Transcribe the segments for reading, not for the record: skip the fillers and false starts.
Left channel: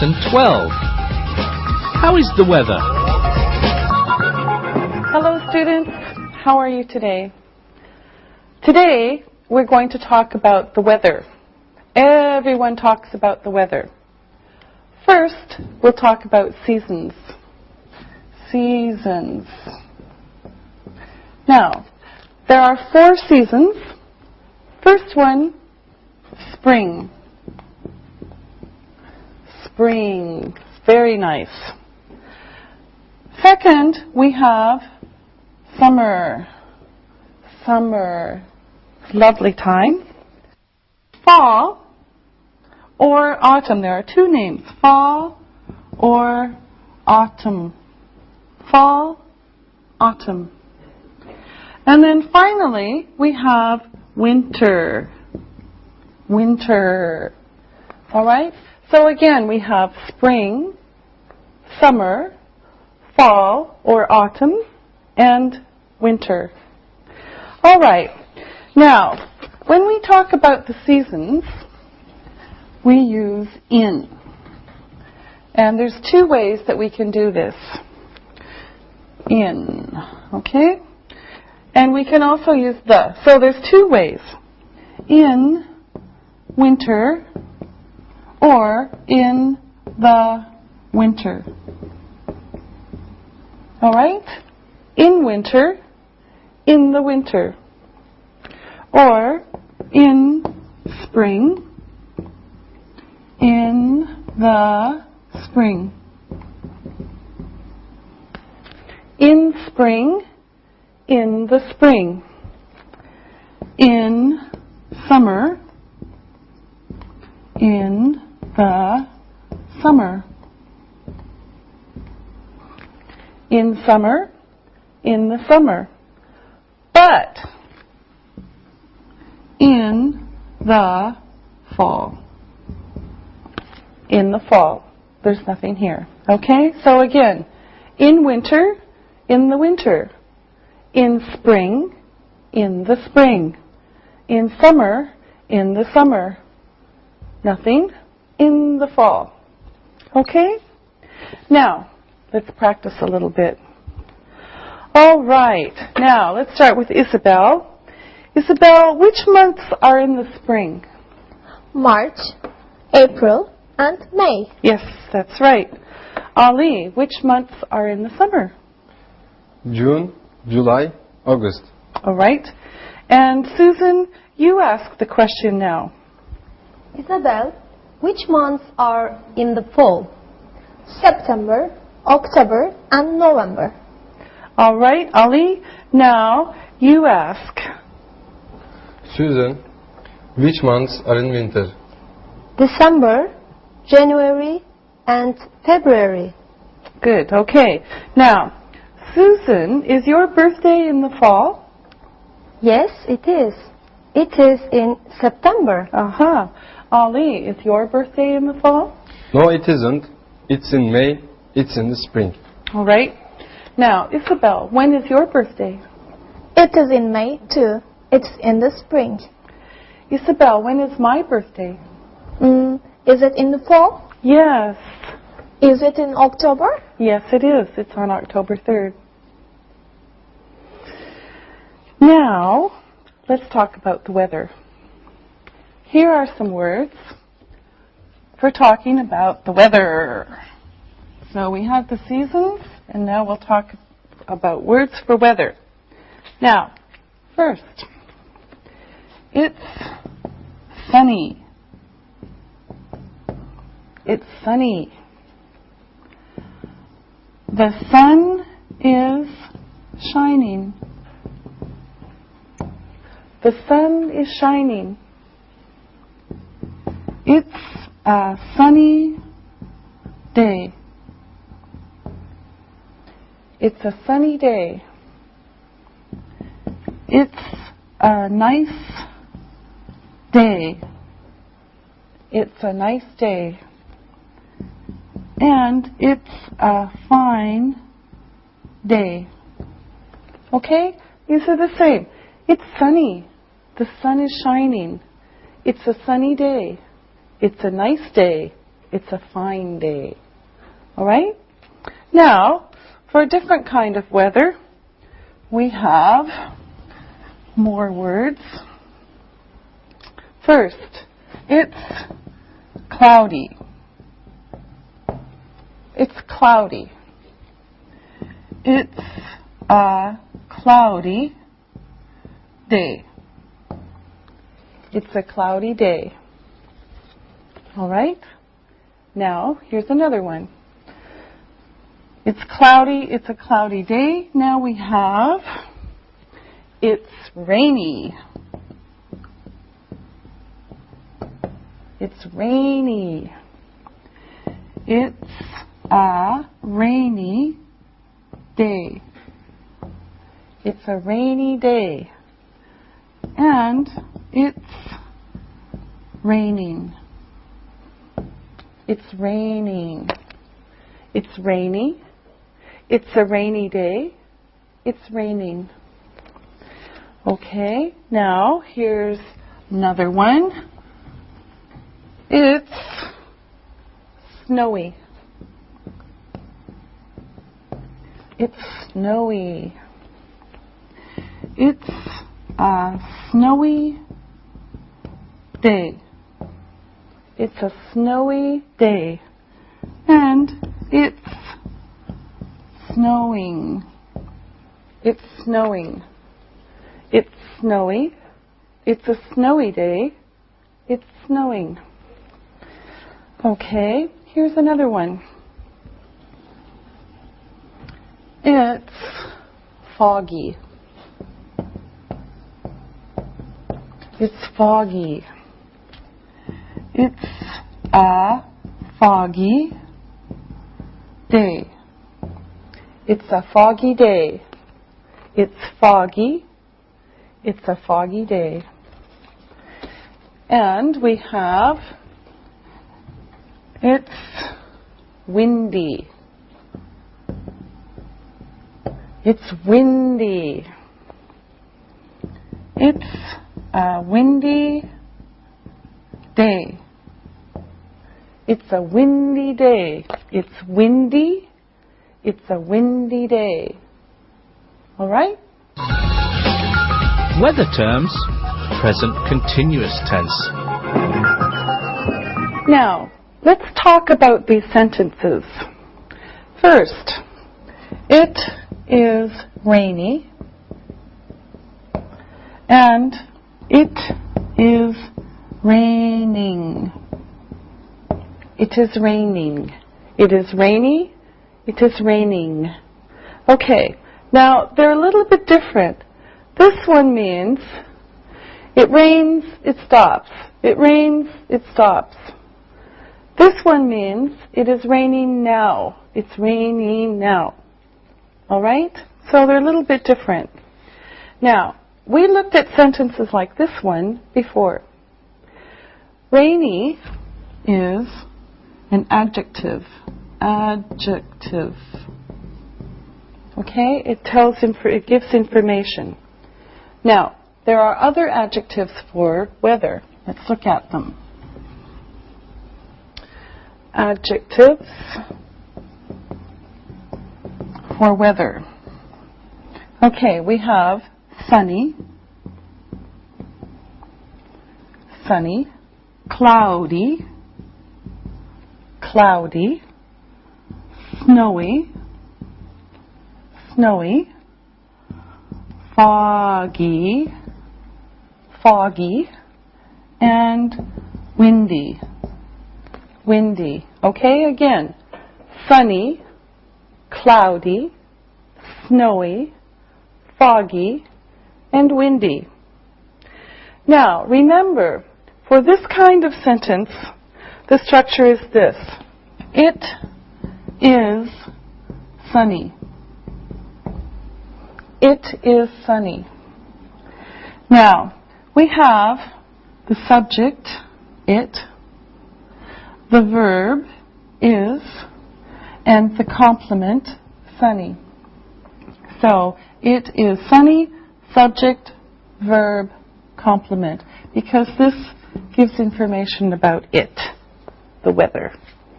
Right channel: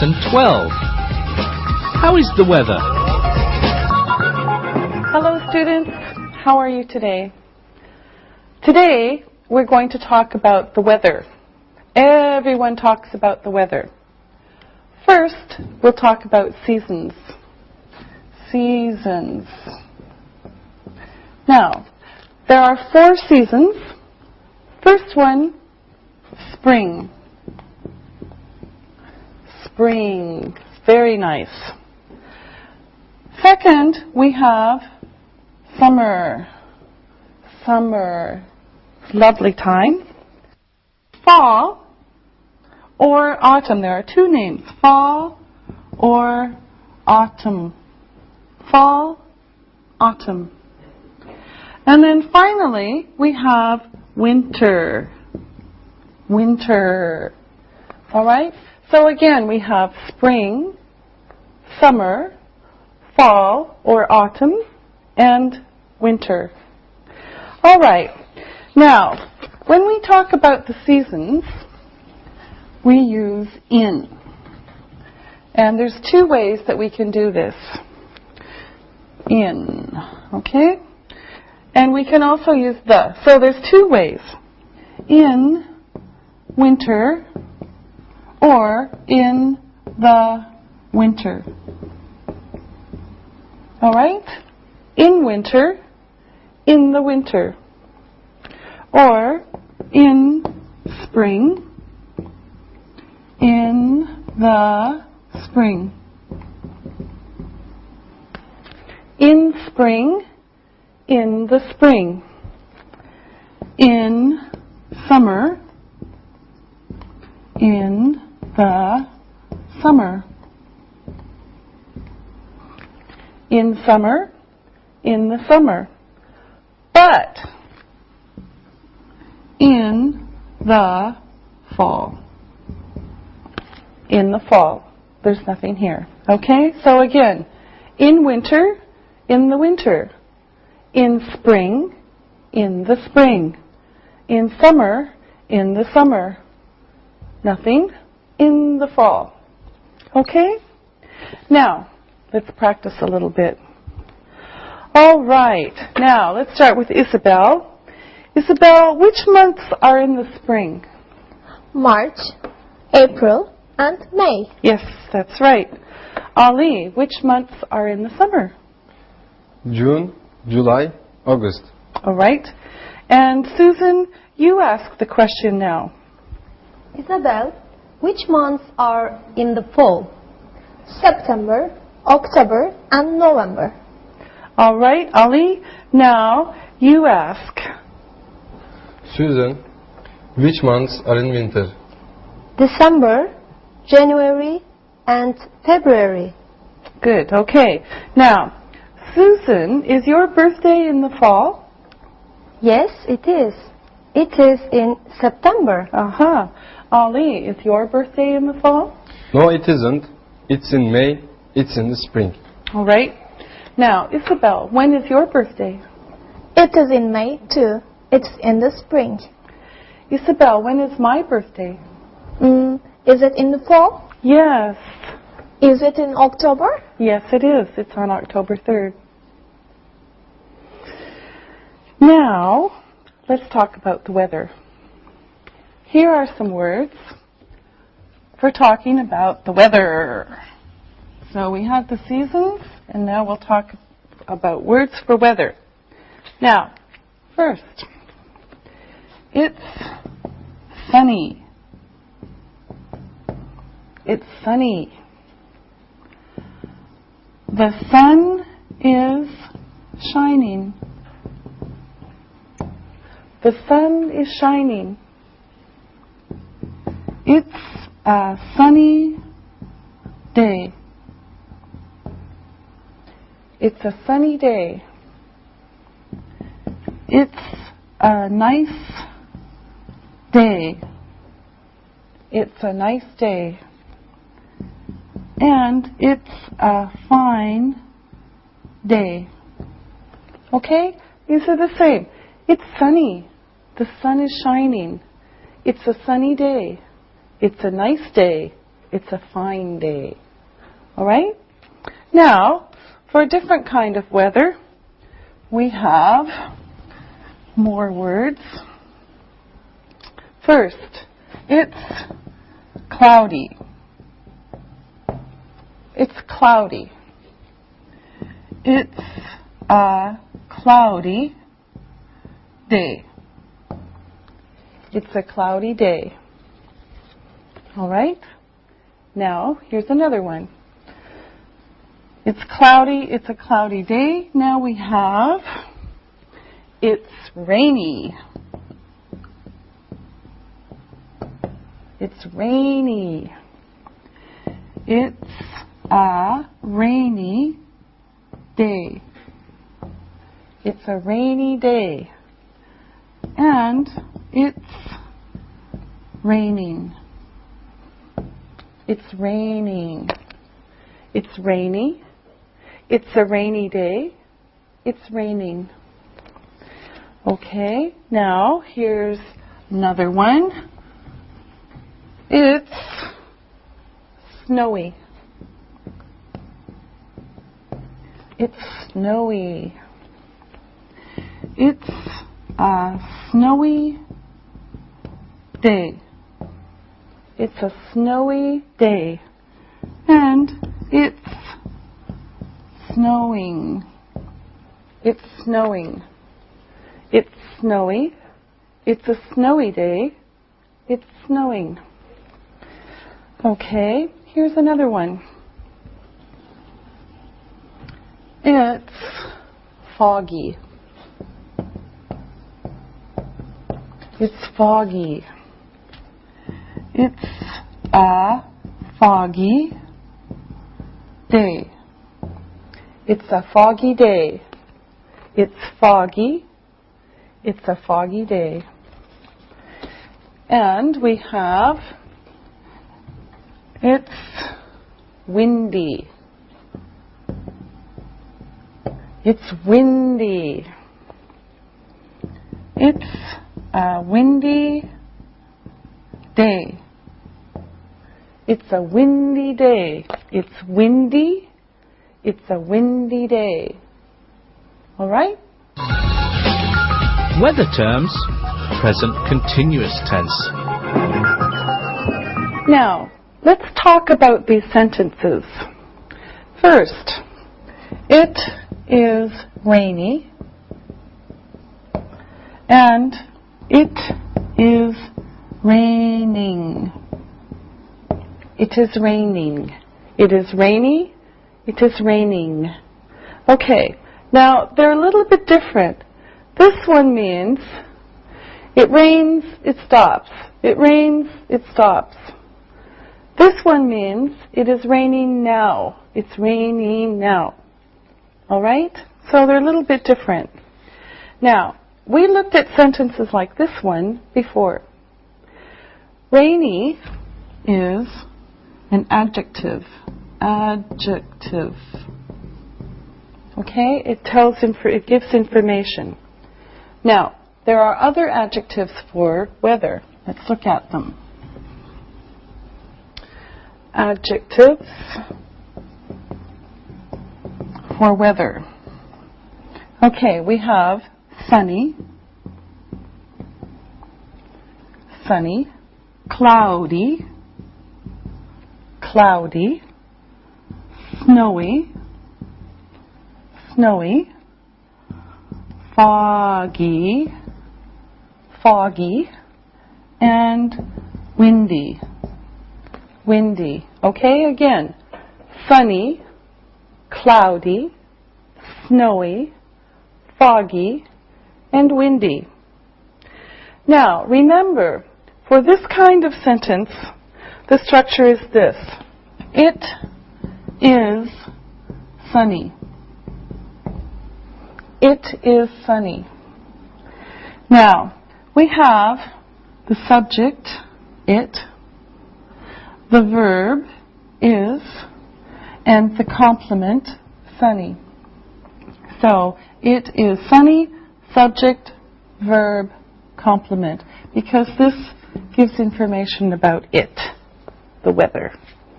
Lesson 12. How is the weather? Hello students, how are you today? Today we're going to talk about the weather. Everyone talks about the weather. First, we'll talk about seasons. Seasons. Now, there are 4 seasons. First one, spring. Spring, very nice. Second, we have summer. Summer, lovely time. Fall or autumn. There are 2 names, fall or autumn. Fall, autumn. And then finally, we have winter. Winter. All right? So again, we have spring, summer, fall or autumn, and winter. All right. Now, when we talk about the seasons, we use in. And there's 2 ways that we can do this. In. Okay? And we can also use the. So there's 2 ways. In winter or in the winter. All right? In winter, in the winter. Or in spring, in the spring. In spring, in the spring. In summer, in the summer. In summer, in the summer. But in the fall. In the fall. There's nothing here. Okay? So again, in winter, in the winter. In spring, in the spring. In summer, in the summer. Nothing in the fall. Okay? Now, let's practice a little bit. All right. Now, let's start with Isabel. Isabel, which months are in the spring? March, April, and May. Yes, that's right. Ali, which months are in the summer? June, July, August. All right. And Susan, you ask the question now. Isabel, which months are in the fall? September, October, and November. All right, Ali, now you ask. Susan, which months are in winter? December, January, and February. Good, okay. Now, Susan, is your birthday in the fall? Yes, it is. It is in September. Uh-huh. Ali, is your birthday in the fall? No, it isn't. It's in May. It's in the spring. All right. Now, Isabel, when is your birthday? It is in May, too. It's in the spring. Isabel, when is my birthday? Is it in the fall? Yes. Is it in October? Yes, it is. It's on October 3rd. Now, let's talk about the weather. Here are some words for talking about the weather. So we have the seasons, and now we'll talk about words for weather. Now, first, it's sunny. It's sunny. The sun is shining. The sun is shining. It's a sunny day. It's a sunny day. It's a nice day. It's a nice day. And it's a fine day. Okay? These are the same. It's sunny. The sun is shining. It's a sunny day. It's a nice day. It's a fine day. All right? Now, for a different kind of weather, we have more words. First, it's cloudy. It's cloudy. It's a cloudy day. It's a cloudy day. All right? Now, here's another one. It's cloudy. It's a cloudy day. Now we have it's rainy. It's rainy. It's a rainy day. It's a rainy day. And it's raining. It's raining. It's rainy. It's a rainy day. It's raining. Okay, now here's another one. It's snowy. It's snowy. It's a snowy day. It's a snowy day. And it's snowing. It's snowing. It's snowy. It's a snowy day. It's snowing. Okay, here's another one. It's foggy. It's foggy. It's a foggy day. It's a foggy day. It's foggy. It's a foggy day. And we have it's windy. It's windy. It's a windy day. It's a windy day. It's windy. It's a windy day. All right? Weather terms, present continuous tense. Now, let's talk about these sentences. First, it is rainy and it is raining. It is raining. It is rainy. It is raining. Okay, now they're a little bit different. This one means it rains, it stops. It rains, it stops. This one means it is raining now. It's raining now. All right? So they're a little bit different. Now, we looked at sentences like this one before. Rainy is an adjective. Adjective. Okay? It gives information. Now, there are other adjectives for weather. Let's look at them. Adjectives for weather. Okay, we have sunny, sunny, cloudy, cloudy, snowy, snowy, foggy, foggy, and windy, windy. Okay, again, sunny, cloudy, snowy, foggy, and windy. Now, remember, for this kind of sentence, the structure is this. It is sunny. It is sunny. Now, we have the subject, it, the verb, is, and the complement, sunny. So, it is sunny, subject, verb, complement, because this gives information about it, the weather.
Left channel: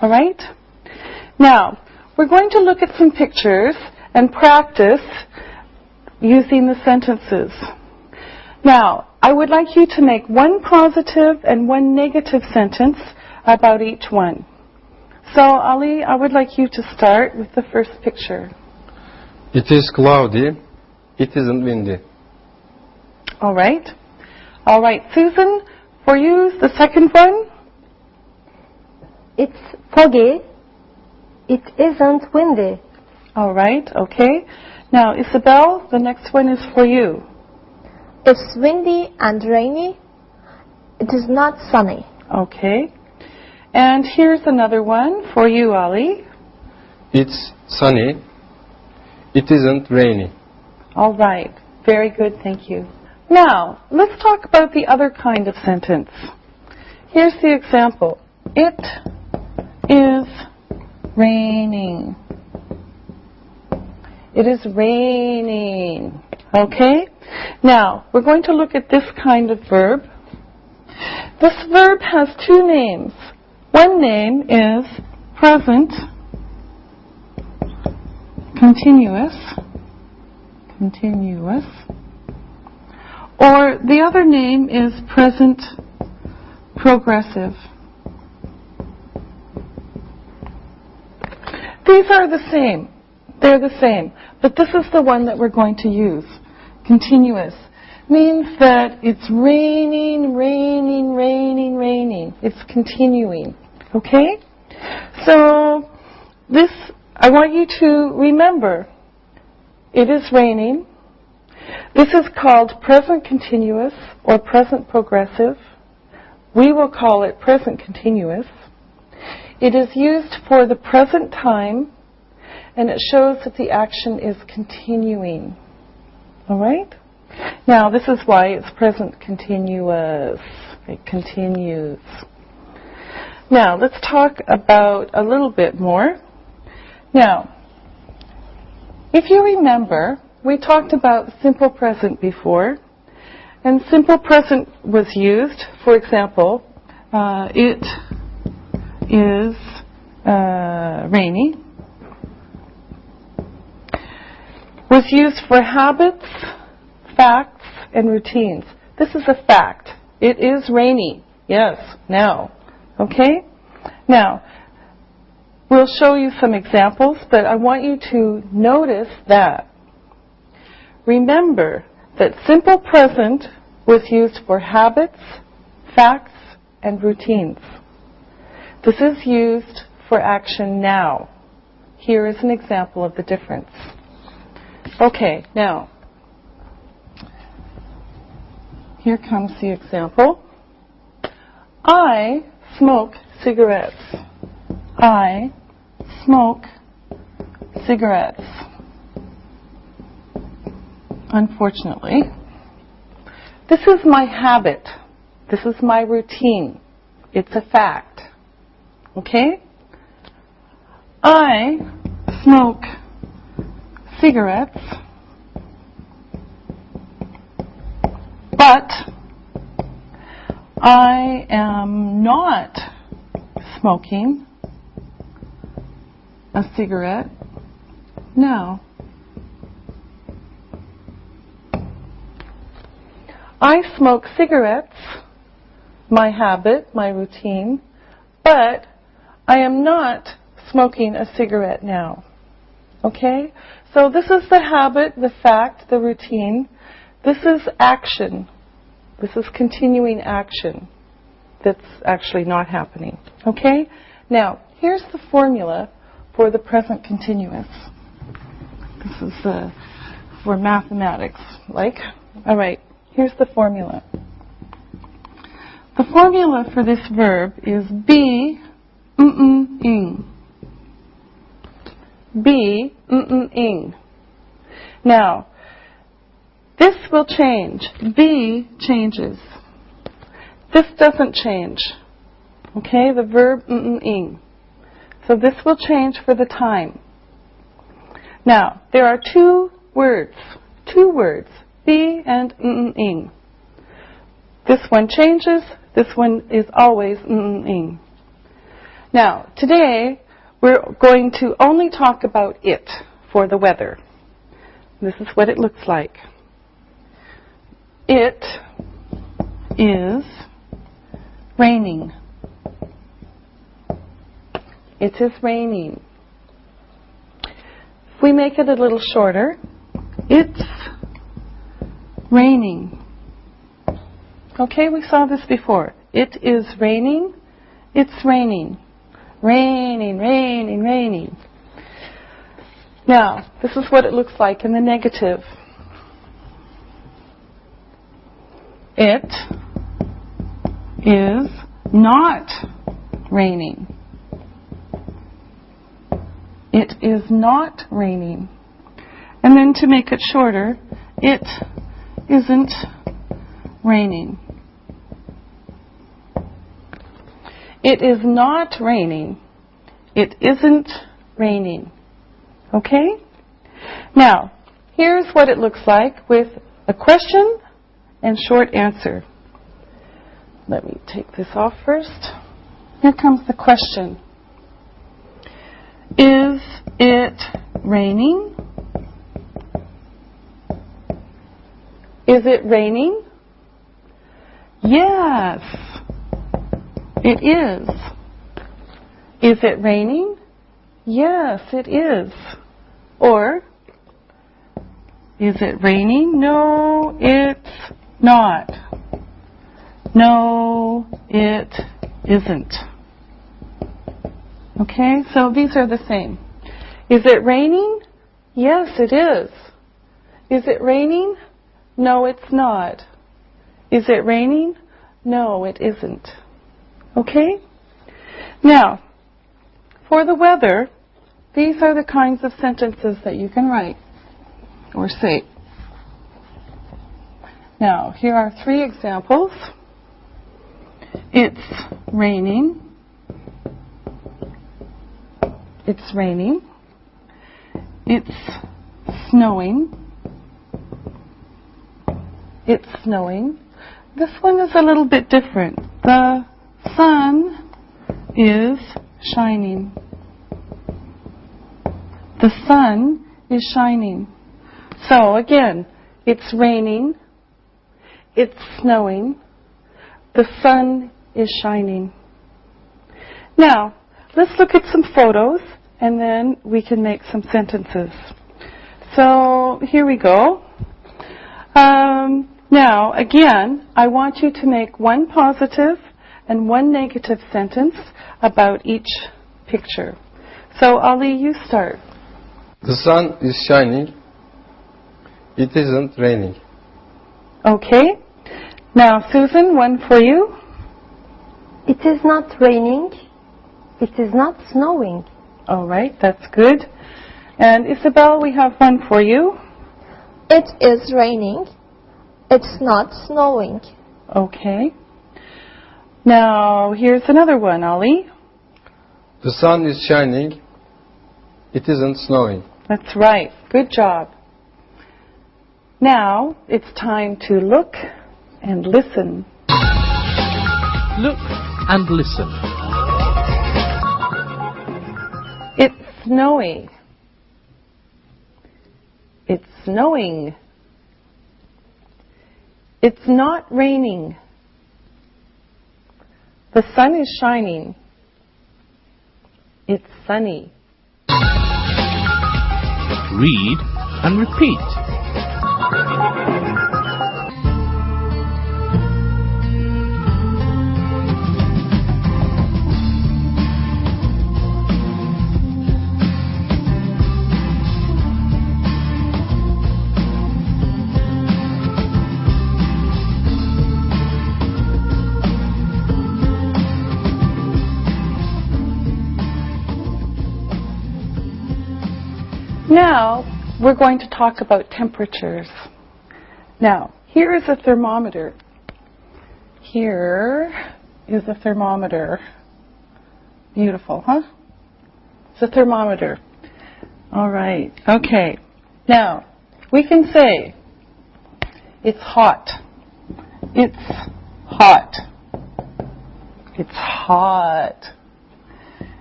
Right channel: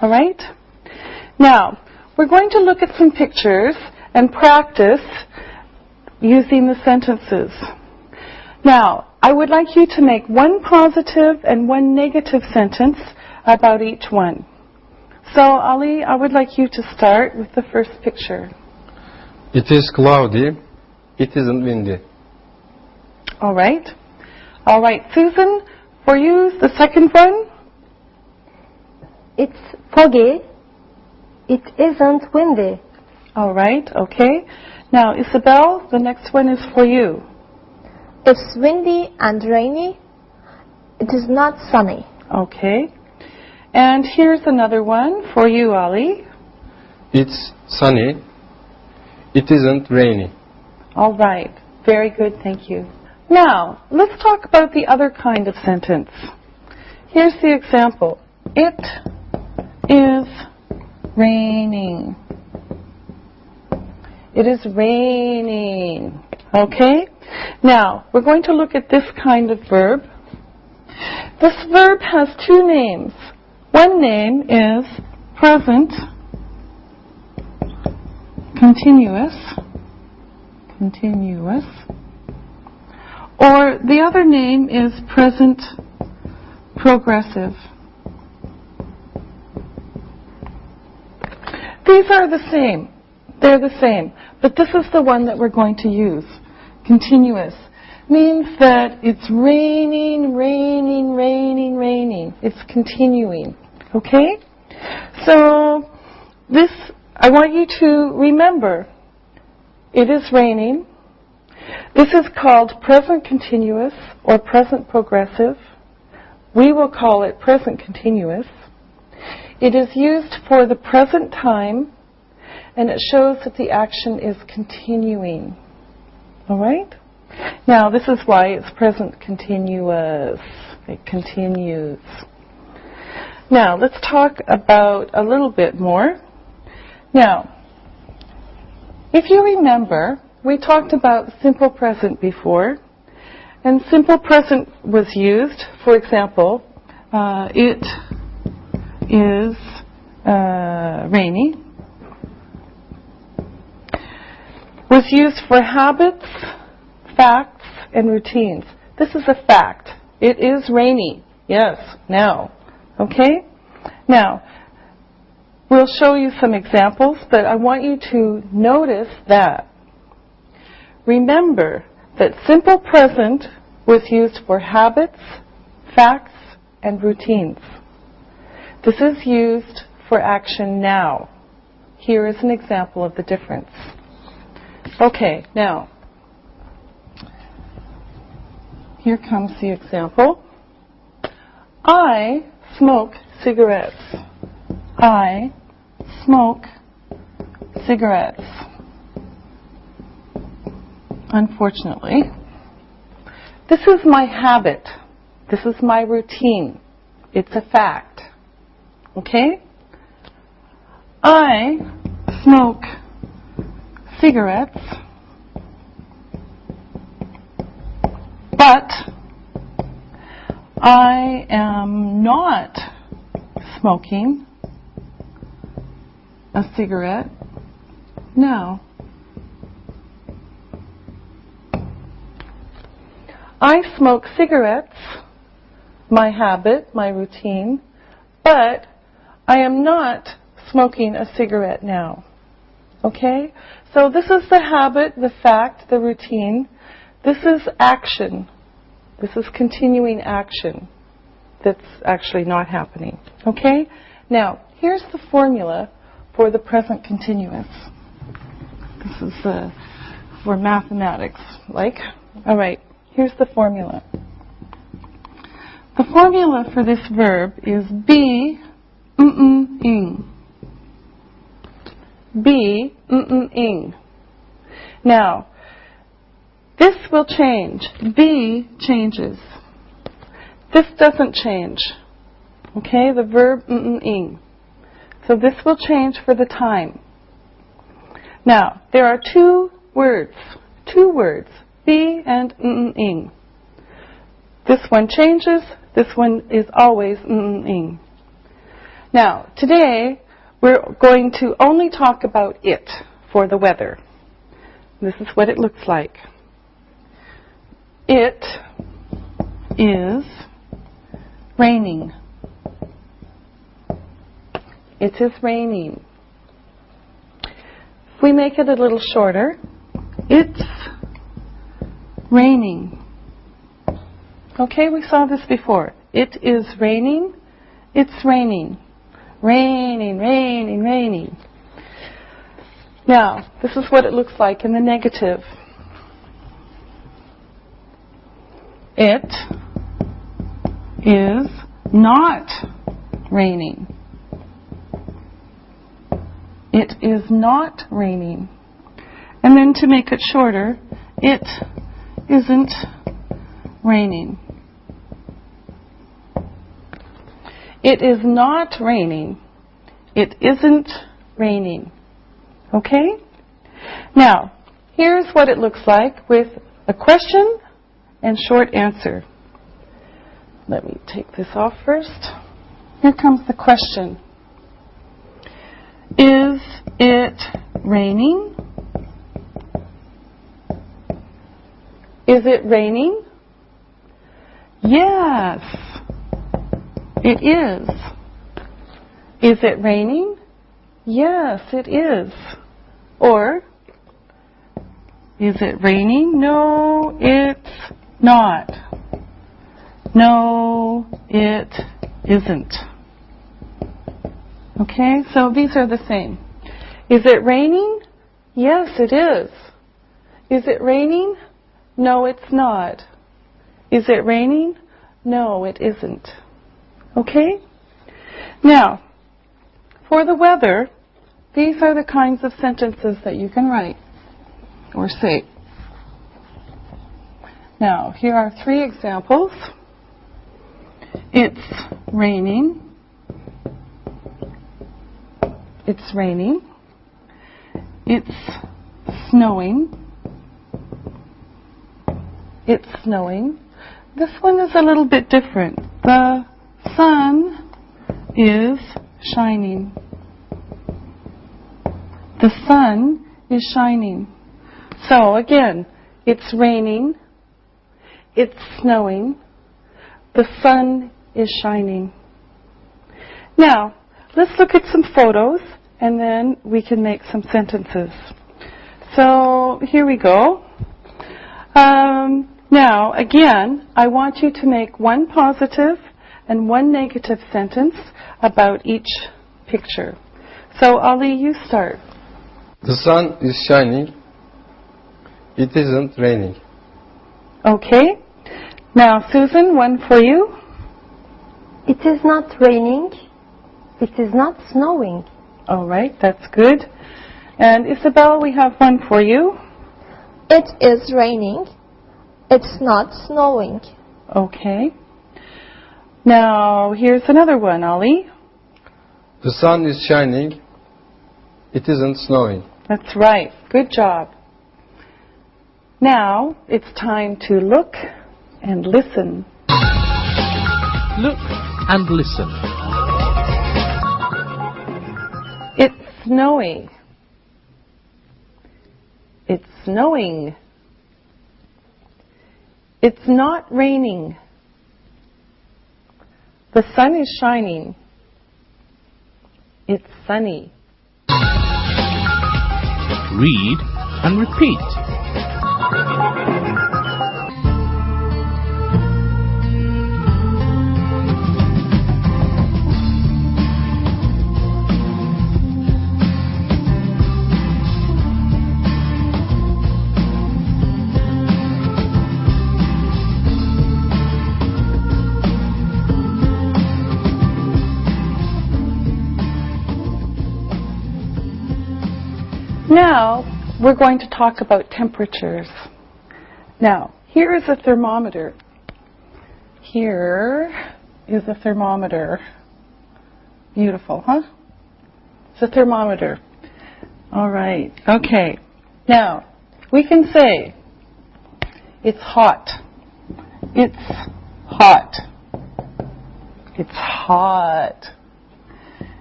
All right? Now, we're going to look at some pictures and practice using the sentences. Now, I would like you to make one positive and one negative sentence about each one. So, Ali, I would like you to start with the first picture. It is cloudy. It isn't windy. All right. All right, Susan, for you, the second one. It's foggy. It isn't windy. All right, okay. Now, Isabel, the next one is for you. It's windy and rainy. It is not sunny. Okay. And here's another one for you, Ali. It's sunny. It isn't rainy. All right. Very good, thank you. Now, let's talk about the other kind of sentence. Here's the example. It is raining. It is raining. Okay? Now, we're going to look at this kind of verb. This verb has two names. One name is present continuous. Continuous. Or the other name is present progressive. These are the same. They're the same. But this is the one that we're going to use. Continuous. Means that it's raining, raining, raining, raining. It's continuing. Okay? So, this, I want you to remember, it is raining. This is called present continuous or present progressive. We will call it present continuous. It is used for the present time, and it shows that the action is continuing. All right? Now, this is why it's present continuous. It continues. Now, let's talk about a little bit more. Now, if you remember, we talked about simple present before, and simple present was used, for example, it is rainy, was used for habits, facts, and routines. This is a fact. It is rainy. Yes, now. Okay? Now, we'll show you some examples, but I want you to notice that. Remember that simple present was used for habits, facts, and routines. This is used for action now. Here is an example of the difference. Okay, now, here comes the example. I smoke cigarettes. I smoke cigarettes. Unfortunately, this is my habit. This is my routine. It's a fact. Okay? I smoke cigarettes, but I am not smoking a cigarette now. I smoke cigarettes, my habit, my routine, but I am not smoking a cigarette now. Okay? So this is the habit, the fact, the routine. This is action. This is continuing action that's actually not happening. Okay? Now, here's the formula for the present continuous. This is for mathematics, like. All right, here's the formula. The formula for this verb is be, ing. Be, ing. Now, this will change. Be changes. This doesn't change. Okay, the verb ing. So this will change for the time. Now, there are two words, be and ing. This one changes, this one is always ing. Now, today we're going to only talk about it for the weather. This is what it looks like. It is raining. It is raining. If we make it a little shorter, it's raining. Okay, we saw this before. It is raining. It's raining. Raining, raining, raining. Now, this is what it looks like in the negative. It is not raining. It is not raining. And then to make it shorter, it isn't raining. It is not raining. It isn't raining. Okay? Now, here's what it looks like with a question and short answer. Let me take this off first. Here comes the question. Is it raining? Is it raining? Yes, it is. Is it raining? Yes, it is. Or, is it raining? No, it's not. No, it isn't. Okay, so these are the same. Is it raining? Yes, it is. Is it raining? No, it's not. Is it raining? No, it isn't. Okay? Now, for the weather, these are the kinds of sentences that you can write or say. Now, here are 3 examples. It's raining. It's raining. It's snowing. It's snowing. This one is a little bit different. The sun is shining. The sun is shining. So again, it's raining. It's snowing. The sun is shining. Now, let's look at some photos and then we can make some sentences. So here we go. Now, again, I want you to make 1 positive and 1 negative sentence about each picture. So, Ali, you start. The sun is shining. It isn't raining. Okay. Now, Susan, 1 for you. It is not raining. It is not snowing. All right, that's good. And Isabel, we have 1 for you. It is raining. It's not snowing. Okay. Now, here's another one, Ali. The sun is shining. It isn't snowing. That's right. Good job. Now, it's time to look and listen. Look and listen. It's snowy. It's snowing. It's not raining. The sun is shining. It's sunny. Read and repeat. Now, we're going to talk about temperatures. Now, here is a thermometer. Here is a thermometer. Beautiful, huh? It's a thermometer. All right. Okay. Now, we can say it's hot. It's hot. It's hot.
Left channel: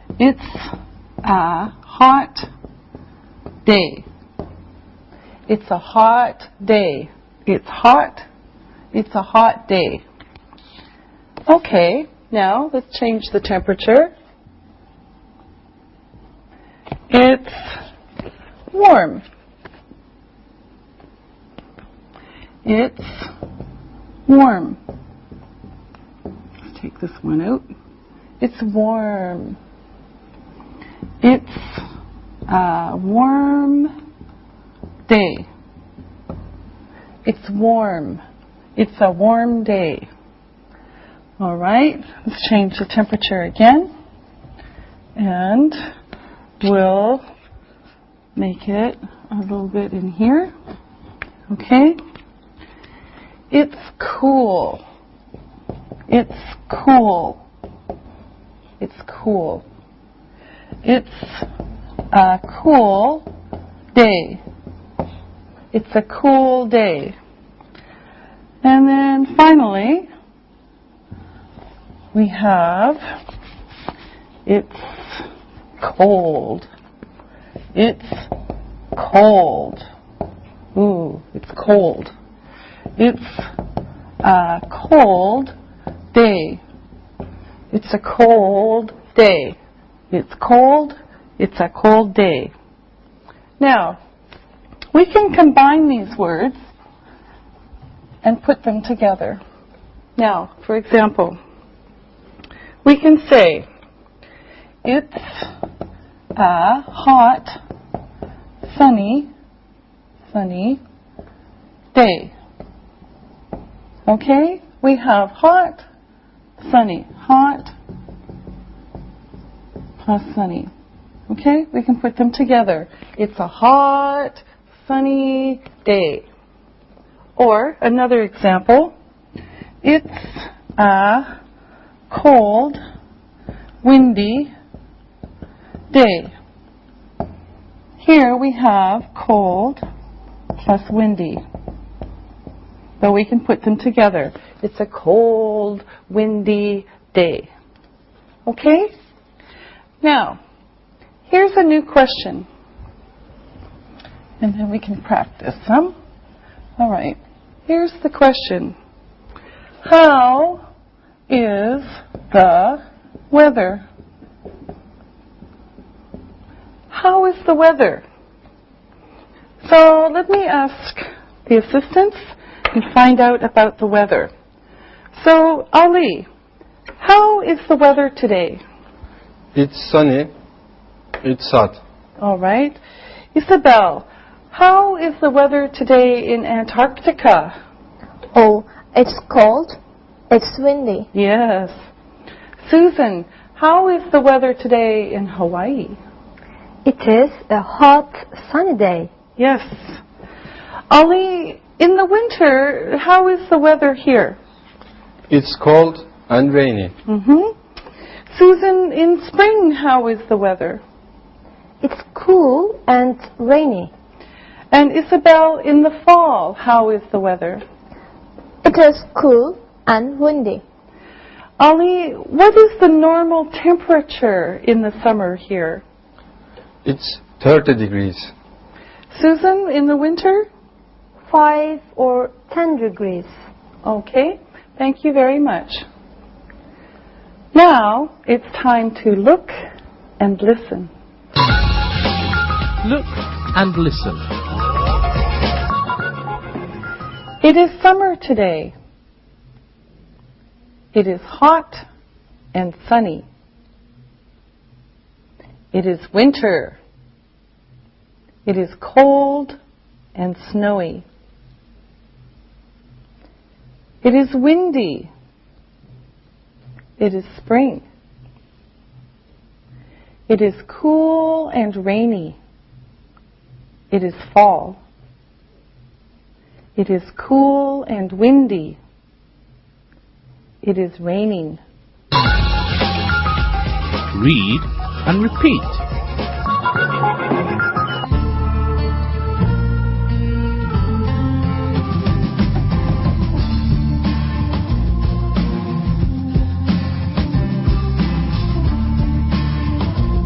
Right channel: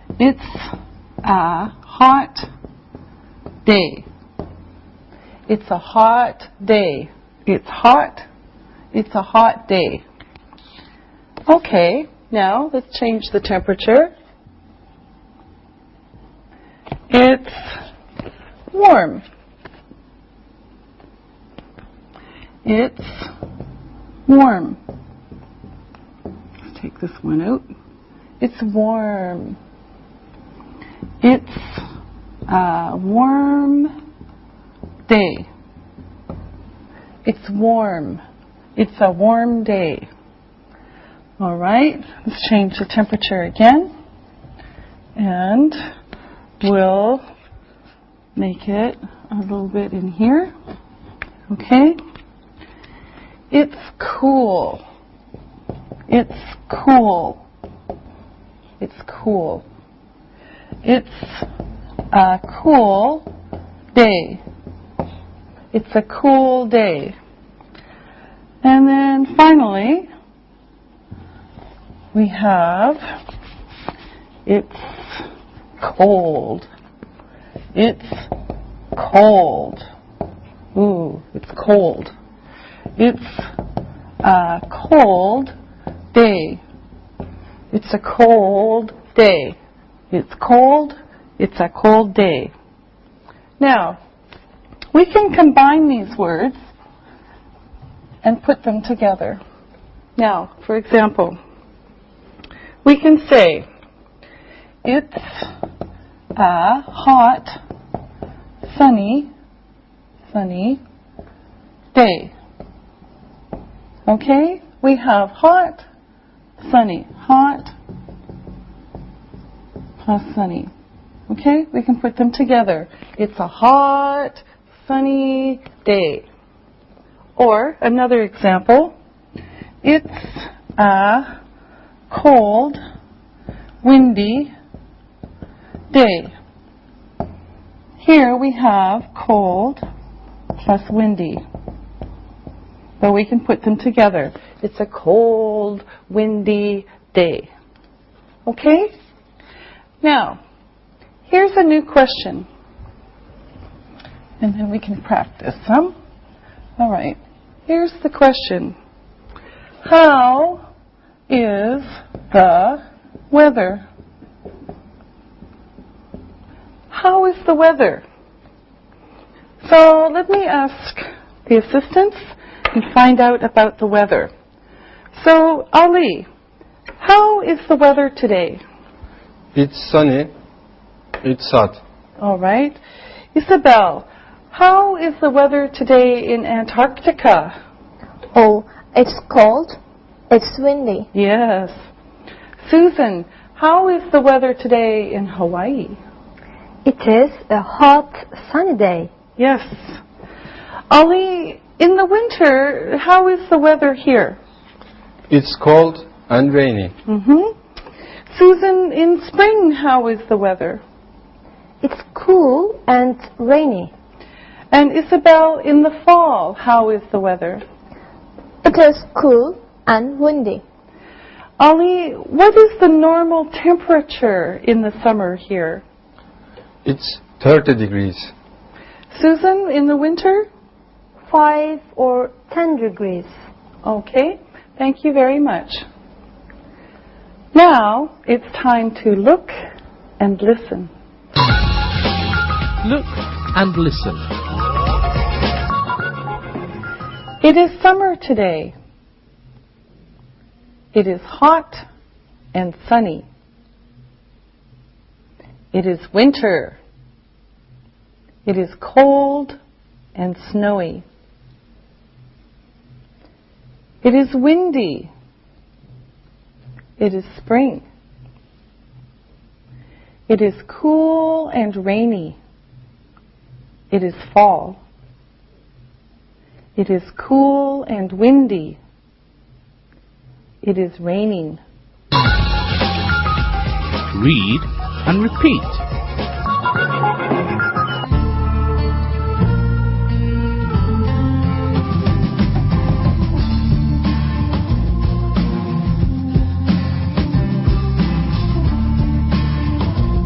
It's a hot day. It's a hot day. It's hot. It's a hot day. Okay, now let's change the temperature. It's warm. It's warm. Let's take this one out. It's warm. It's a warm day. It's warm. It's a warm day. All right, let's change the temperature again. And we'll make it a little bit in here. Okay? It's cool. It's cool. It's cool. It's a cool day. It's a cool day. And then finally, we have it's cold. It's cold. Ooh, it's cold. It's a cold day. It's a cold day. It's cold. It's a cold day. Now, we can combine these words and put them together. Now, for example, we can say, it's a hot, sunny day. Okay? We have hot, sunny. Hot, plus sunny. Okay? We can put them together. It's a hot, sunny day. Or, another example, it's a cold, windy day. Here we have cold plus windy. So we can put them together. It's a cold, windy day. Okay? Now, here's a new question. And then we can practice some. All right. Here's the question. How is the weather? How is the weather? So let me ask the assistants and find out about the weather. So, Ali, how is the weather today? It's sunny. It's hot. All right. Isabel, how is the weather today in Antarctica? Oh, it's cold. It's windy. Yes. Susan, how is the weather today in Hawaii? It is a hot, sunny day. Yes. Ali, in the winter, how is the weather here? It's cold and rainy. Susan, in spring, how is the weather? It's cool and rainy. And Isabel, in the fall, how is the weather? It is cool and windy. Ali, what is the normal temperature in the summer here? It's 30 degrees. Susan, in the winter? 5 or 10 degrees. Okay, thank you very much. Now it's time to look and listen. Look and listen. It is summer today. It is hot and sunny. It is winter. It is cold and snowy. It is windy. It is spring. It is cool and rainy. It is fall. It is cool and windy. It is raining. Read and repeat.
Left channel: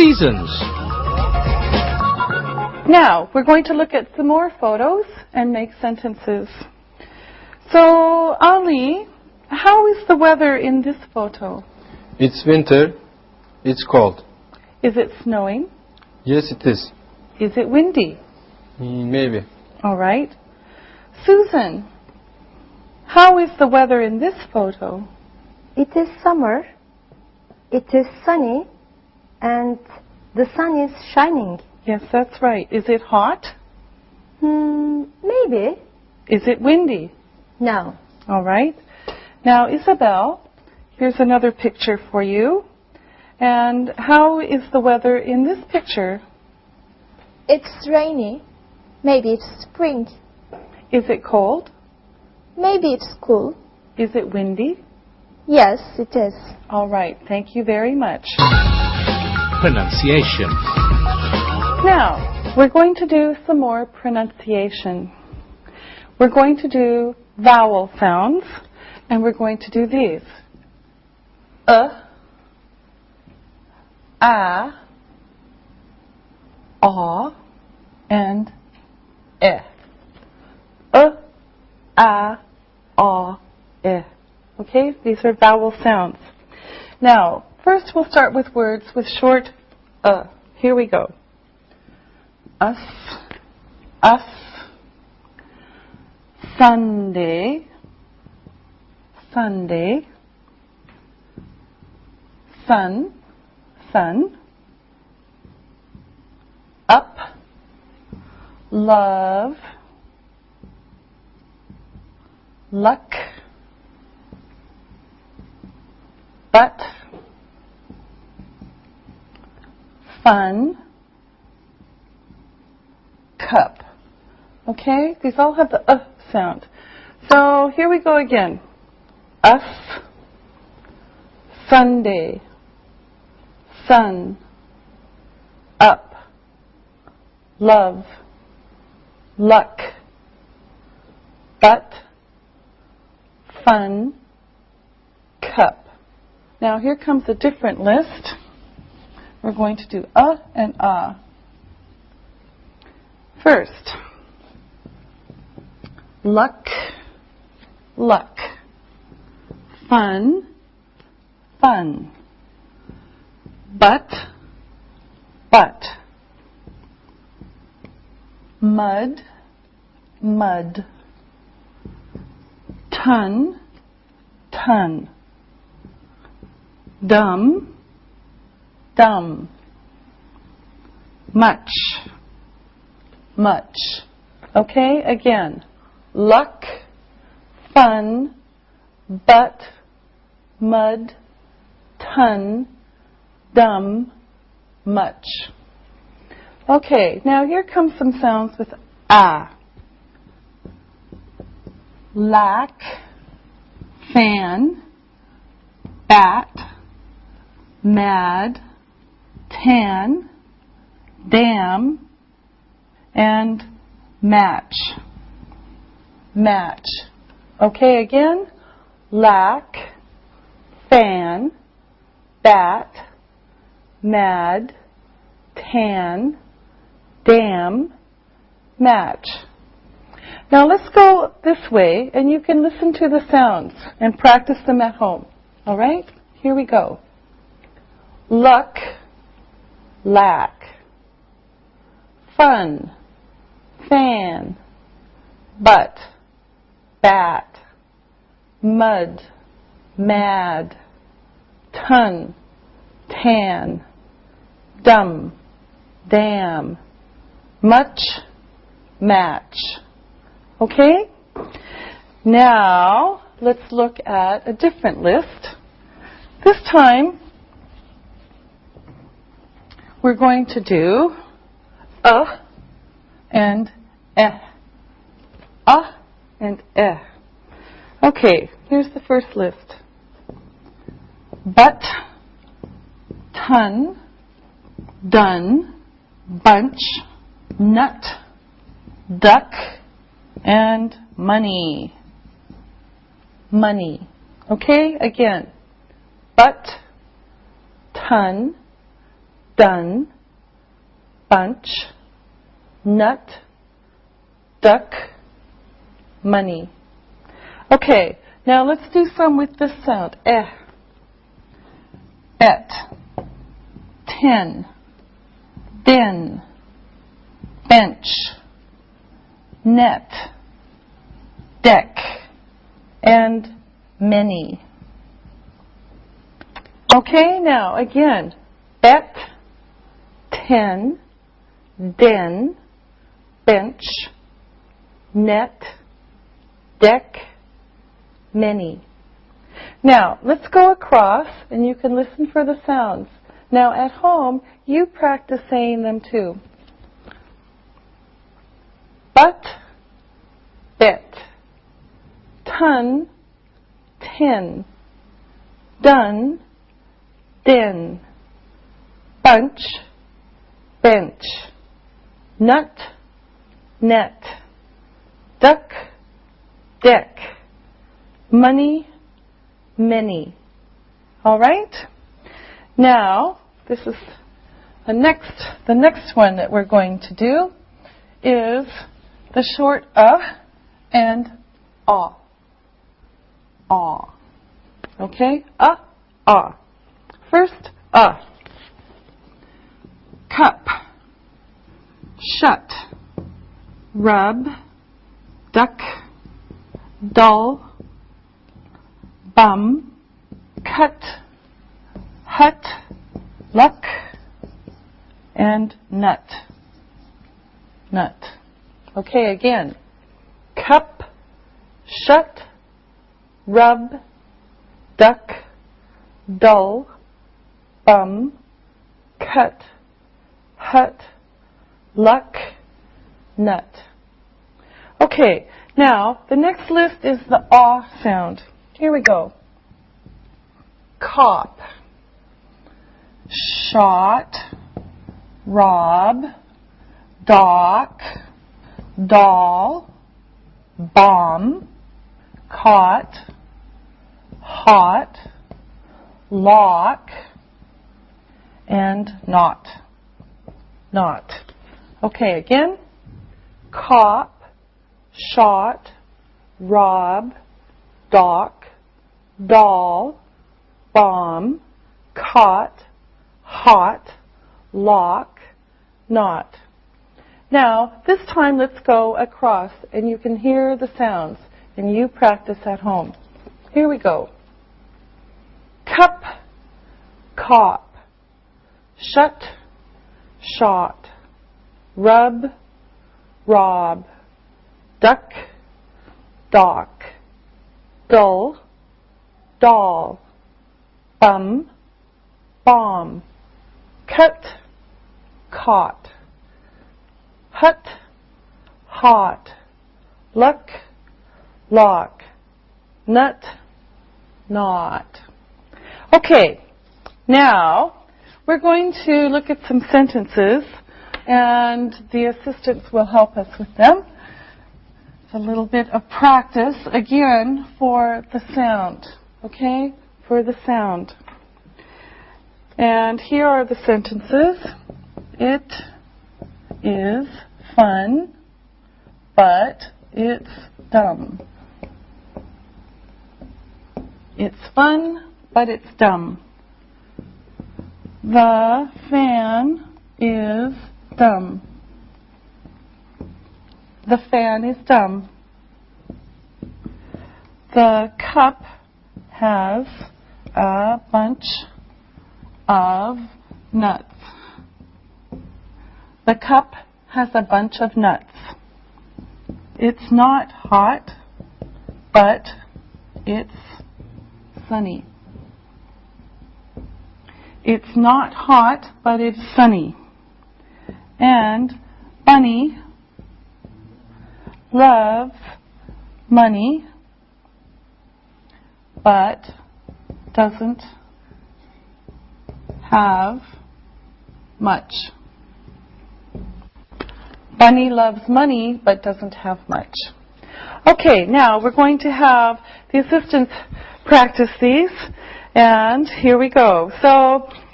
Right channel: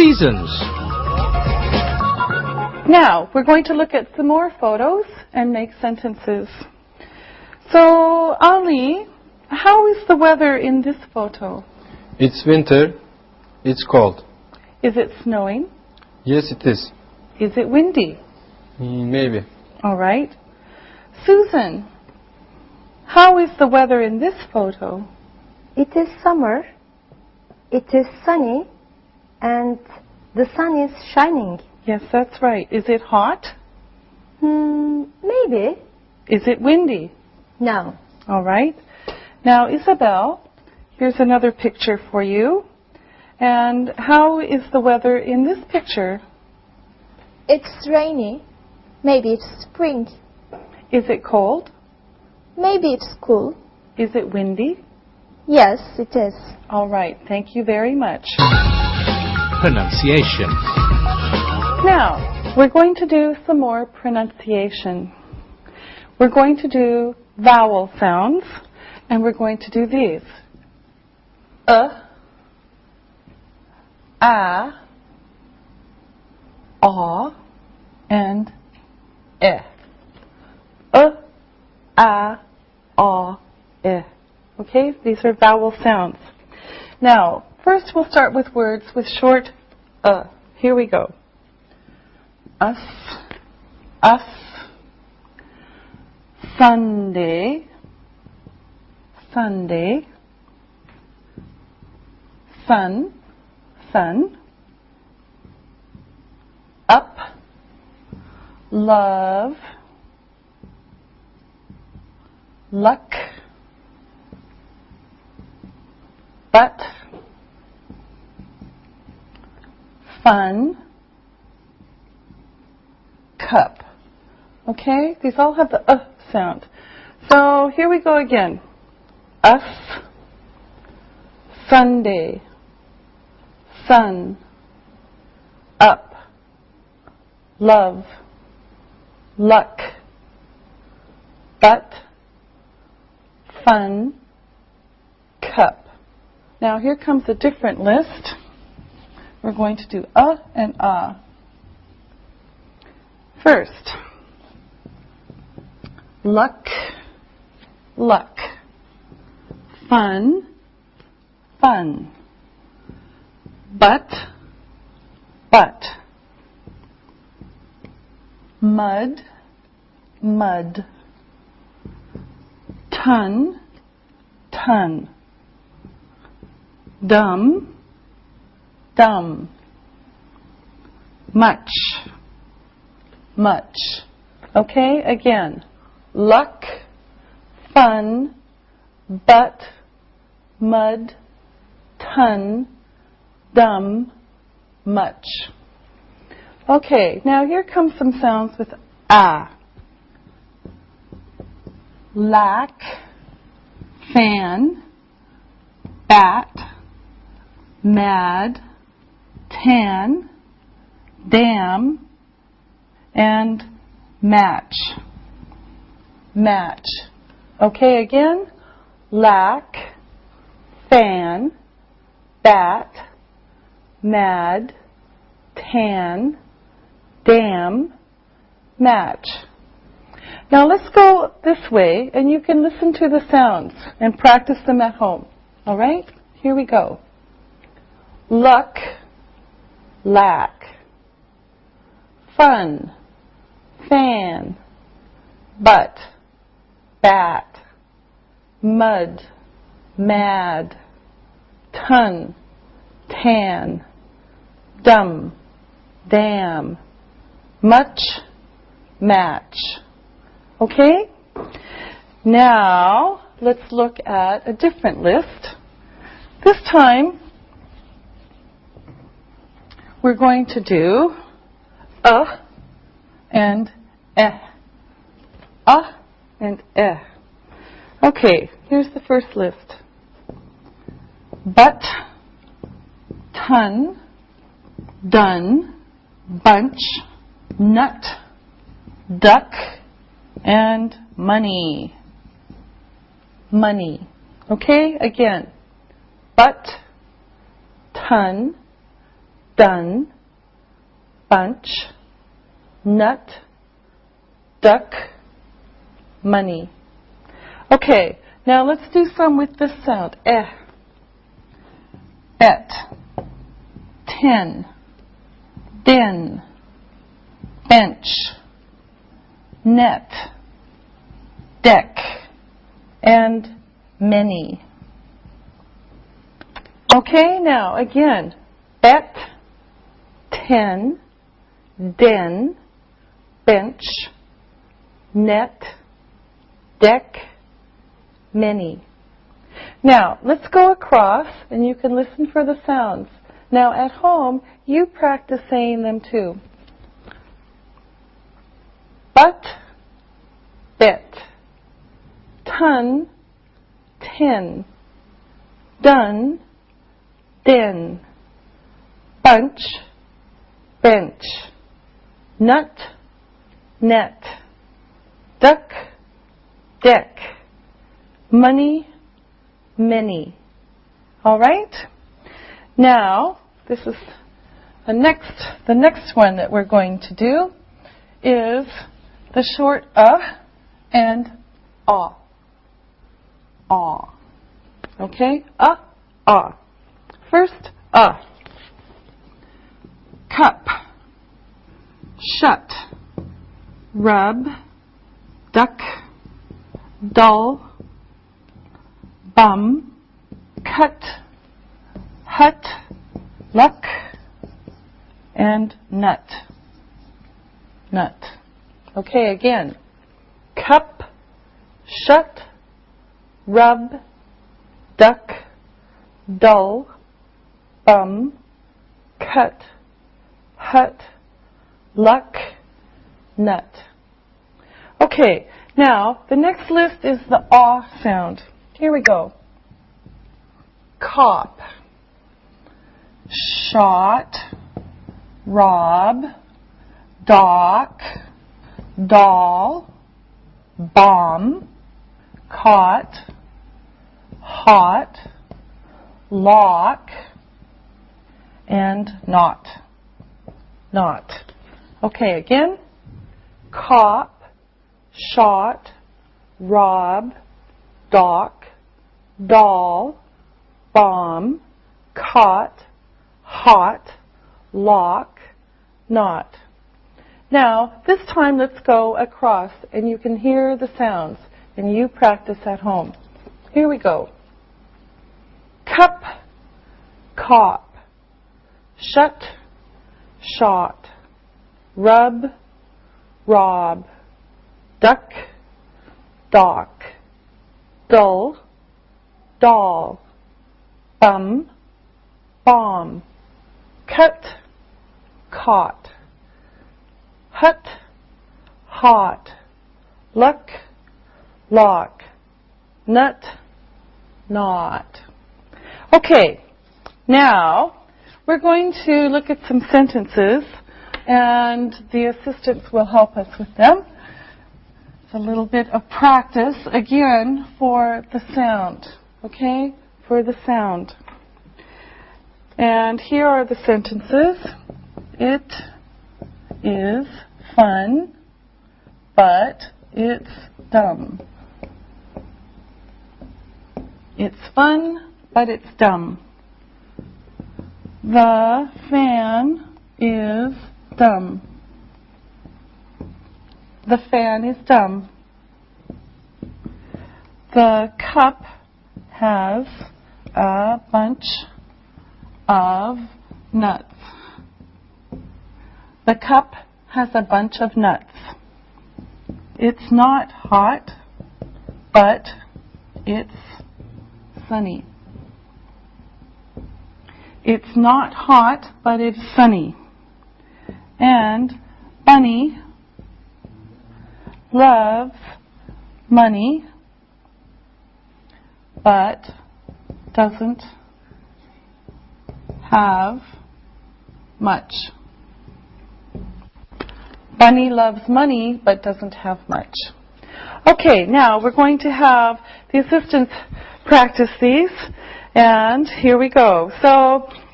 seasons. Now, we're going to look at some more photos and make sentences. So, Ali, how is the weather in this photo? It's winter. It's cold. Is it snowing? Yes, it is. Is it windy? Maybe. All right. Susan, how is the weather in this photo? It is summer. It is sunny. And the sun is shining. Yes, that's right. Is it hot? Maybe. Is it windy? No. All right. Now, Isabel, here's another picture for you. And how is the weather in this picture? It's rainy. Maybe it's spring. Is it cold? Maybe it's cool. Is it windy? Yes, it is. All right. Thank you very much. Pronunciation. Now, we're going to do some more pronunciation. We're going to do vowel sounds, and we're going to do these. A, and e. E. Okay, these are vowel sounds. Now, first we'll start with words with short Here we go. Us, Sunday, Sunday, sun, sun, up, love, luck, but, fun, cup. Okay? These all have the sound. So here we go again. Us, Sunday, sun, up, love, luck, but, fun, cup. Now here comes a different list. We're going to do and First, luck, luck, fun, fun, but, mud, mud, ton, ton, dumb, dumb, much, much. Okay, again. Luck, fun, but, mud, ton, dumb, much. Okay, now here comes some sounds with lack, fan, bat, mad, tan, damn, and match. Match. Okay, again. Lack, fan, bat, mad, tan, damn, match. Now let's go this way, and you can listen to the sounds and practice them at home. All right? Here we go. Luck, lack, fun, fan, but, bat, mud, mad, ton, tan, dumb, damn, much, match. Okay? Now, let's look at a different list. This time, we're going to do and eh. And eh. Okay, here's the first list. But, ton, done, bunch, nut, duck, and money. Money. Okay, again. But, ton, done, bunch, nut, duck, money. Okay, now let's do some with this sound. Bet, 10, bin, bench, net, deck, and many. Okay, now again, bet, 10, den, bench, net, deck, many. Now, let's go across and you can listen for the sounds. Now, at home, you practice saying them too. But, bet, ton, 10, done, den, bunch, bench, nut, net, duck, deck, money, many. All right? Now, this is the next one that we're going to do is the short and ah. Ah. Okay? Ah. First, cup, shut, rub, duck, dull, bum, cut, hut, luck, and nut. Nut. Okay, again. Cup, shut, rub, duck, dull, bum, cut, hut, luck, nut. Okay, now the next list is the ah sound. Here we go. Cop, shot, rob, dock, doll, bomb, caught, hot, lock, and not. Not. Okay, again. Cop, shot, rob, dock, doll, bomb, caught, hot, lock, not. Now, this time let's go across and you can hear the sounds and you practice at home. Here we go. Cup, cop, shut, shot, rub, rob, duck, dock, dull, doll, bum, bomb, cut, caught, hut, hot, luck, lock, nut, not. Okay, now we're going to look at some sentences and the assistants will help us with them. It's a little bit of practice again for the sound, okay? For the sound. And here are the sentences. It is fun, but it's dumb. It's fun, but it's dumb. The fan is dumb. The fan is dumb. The cup has a bunch of nuts. The cup has a bunch of nuts. It's not hot, but it's sunny. It's not hot, but it's sunny. And Bunny loves money, but doesn't have much. Bunny loves money, but doesn't have much. Okay, now we're going to have the assistants practice these, and here we go. So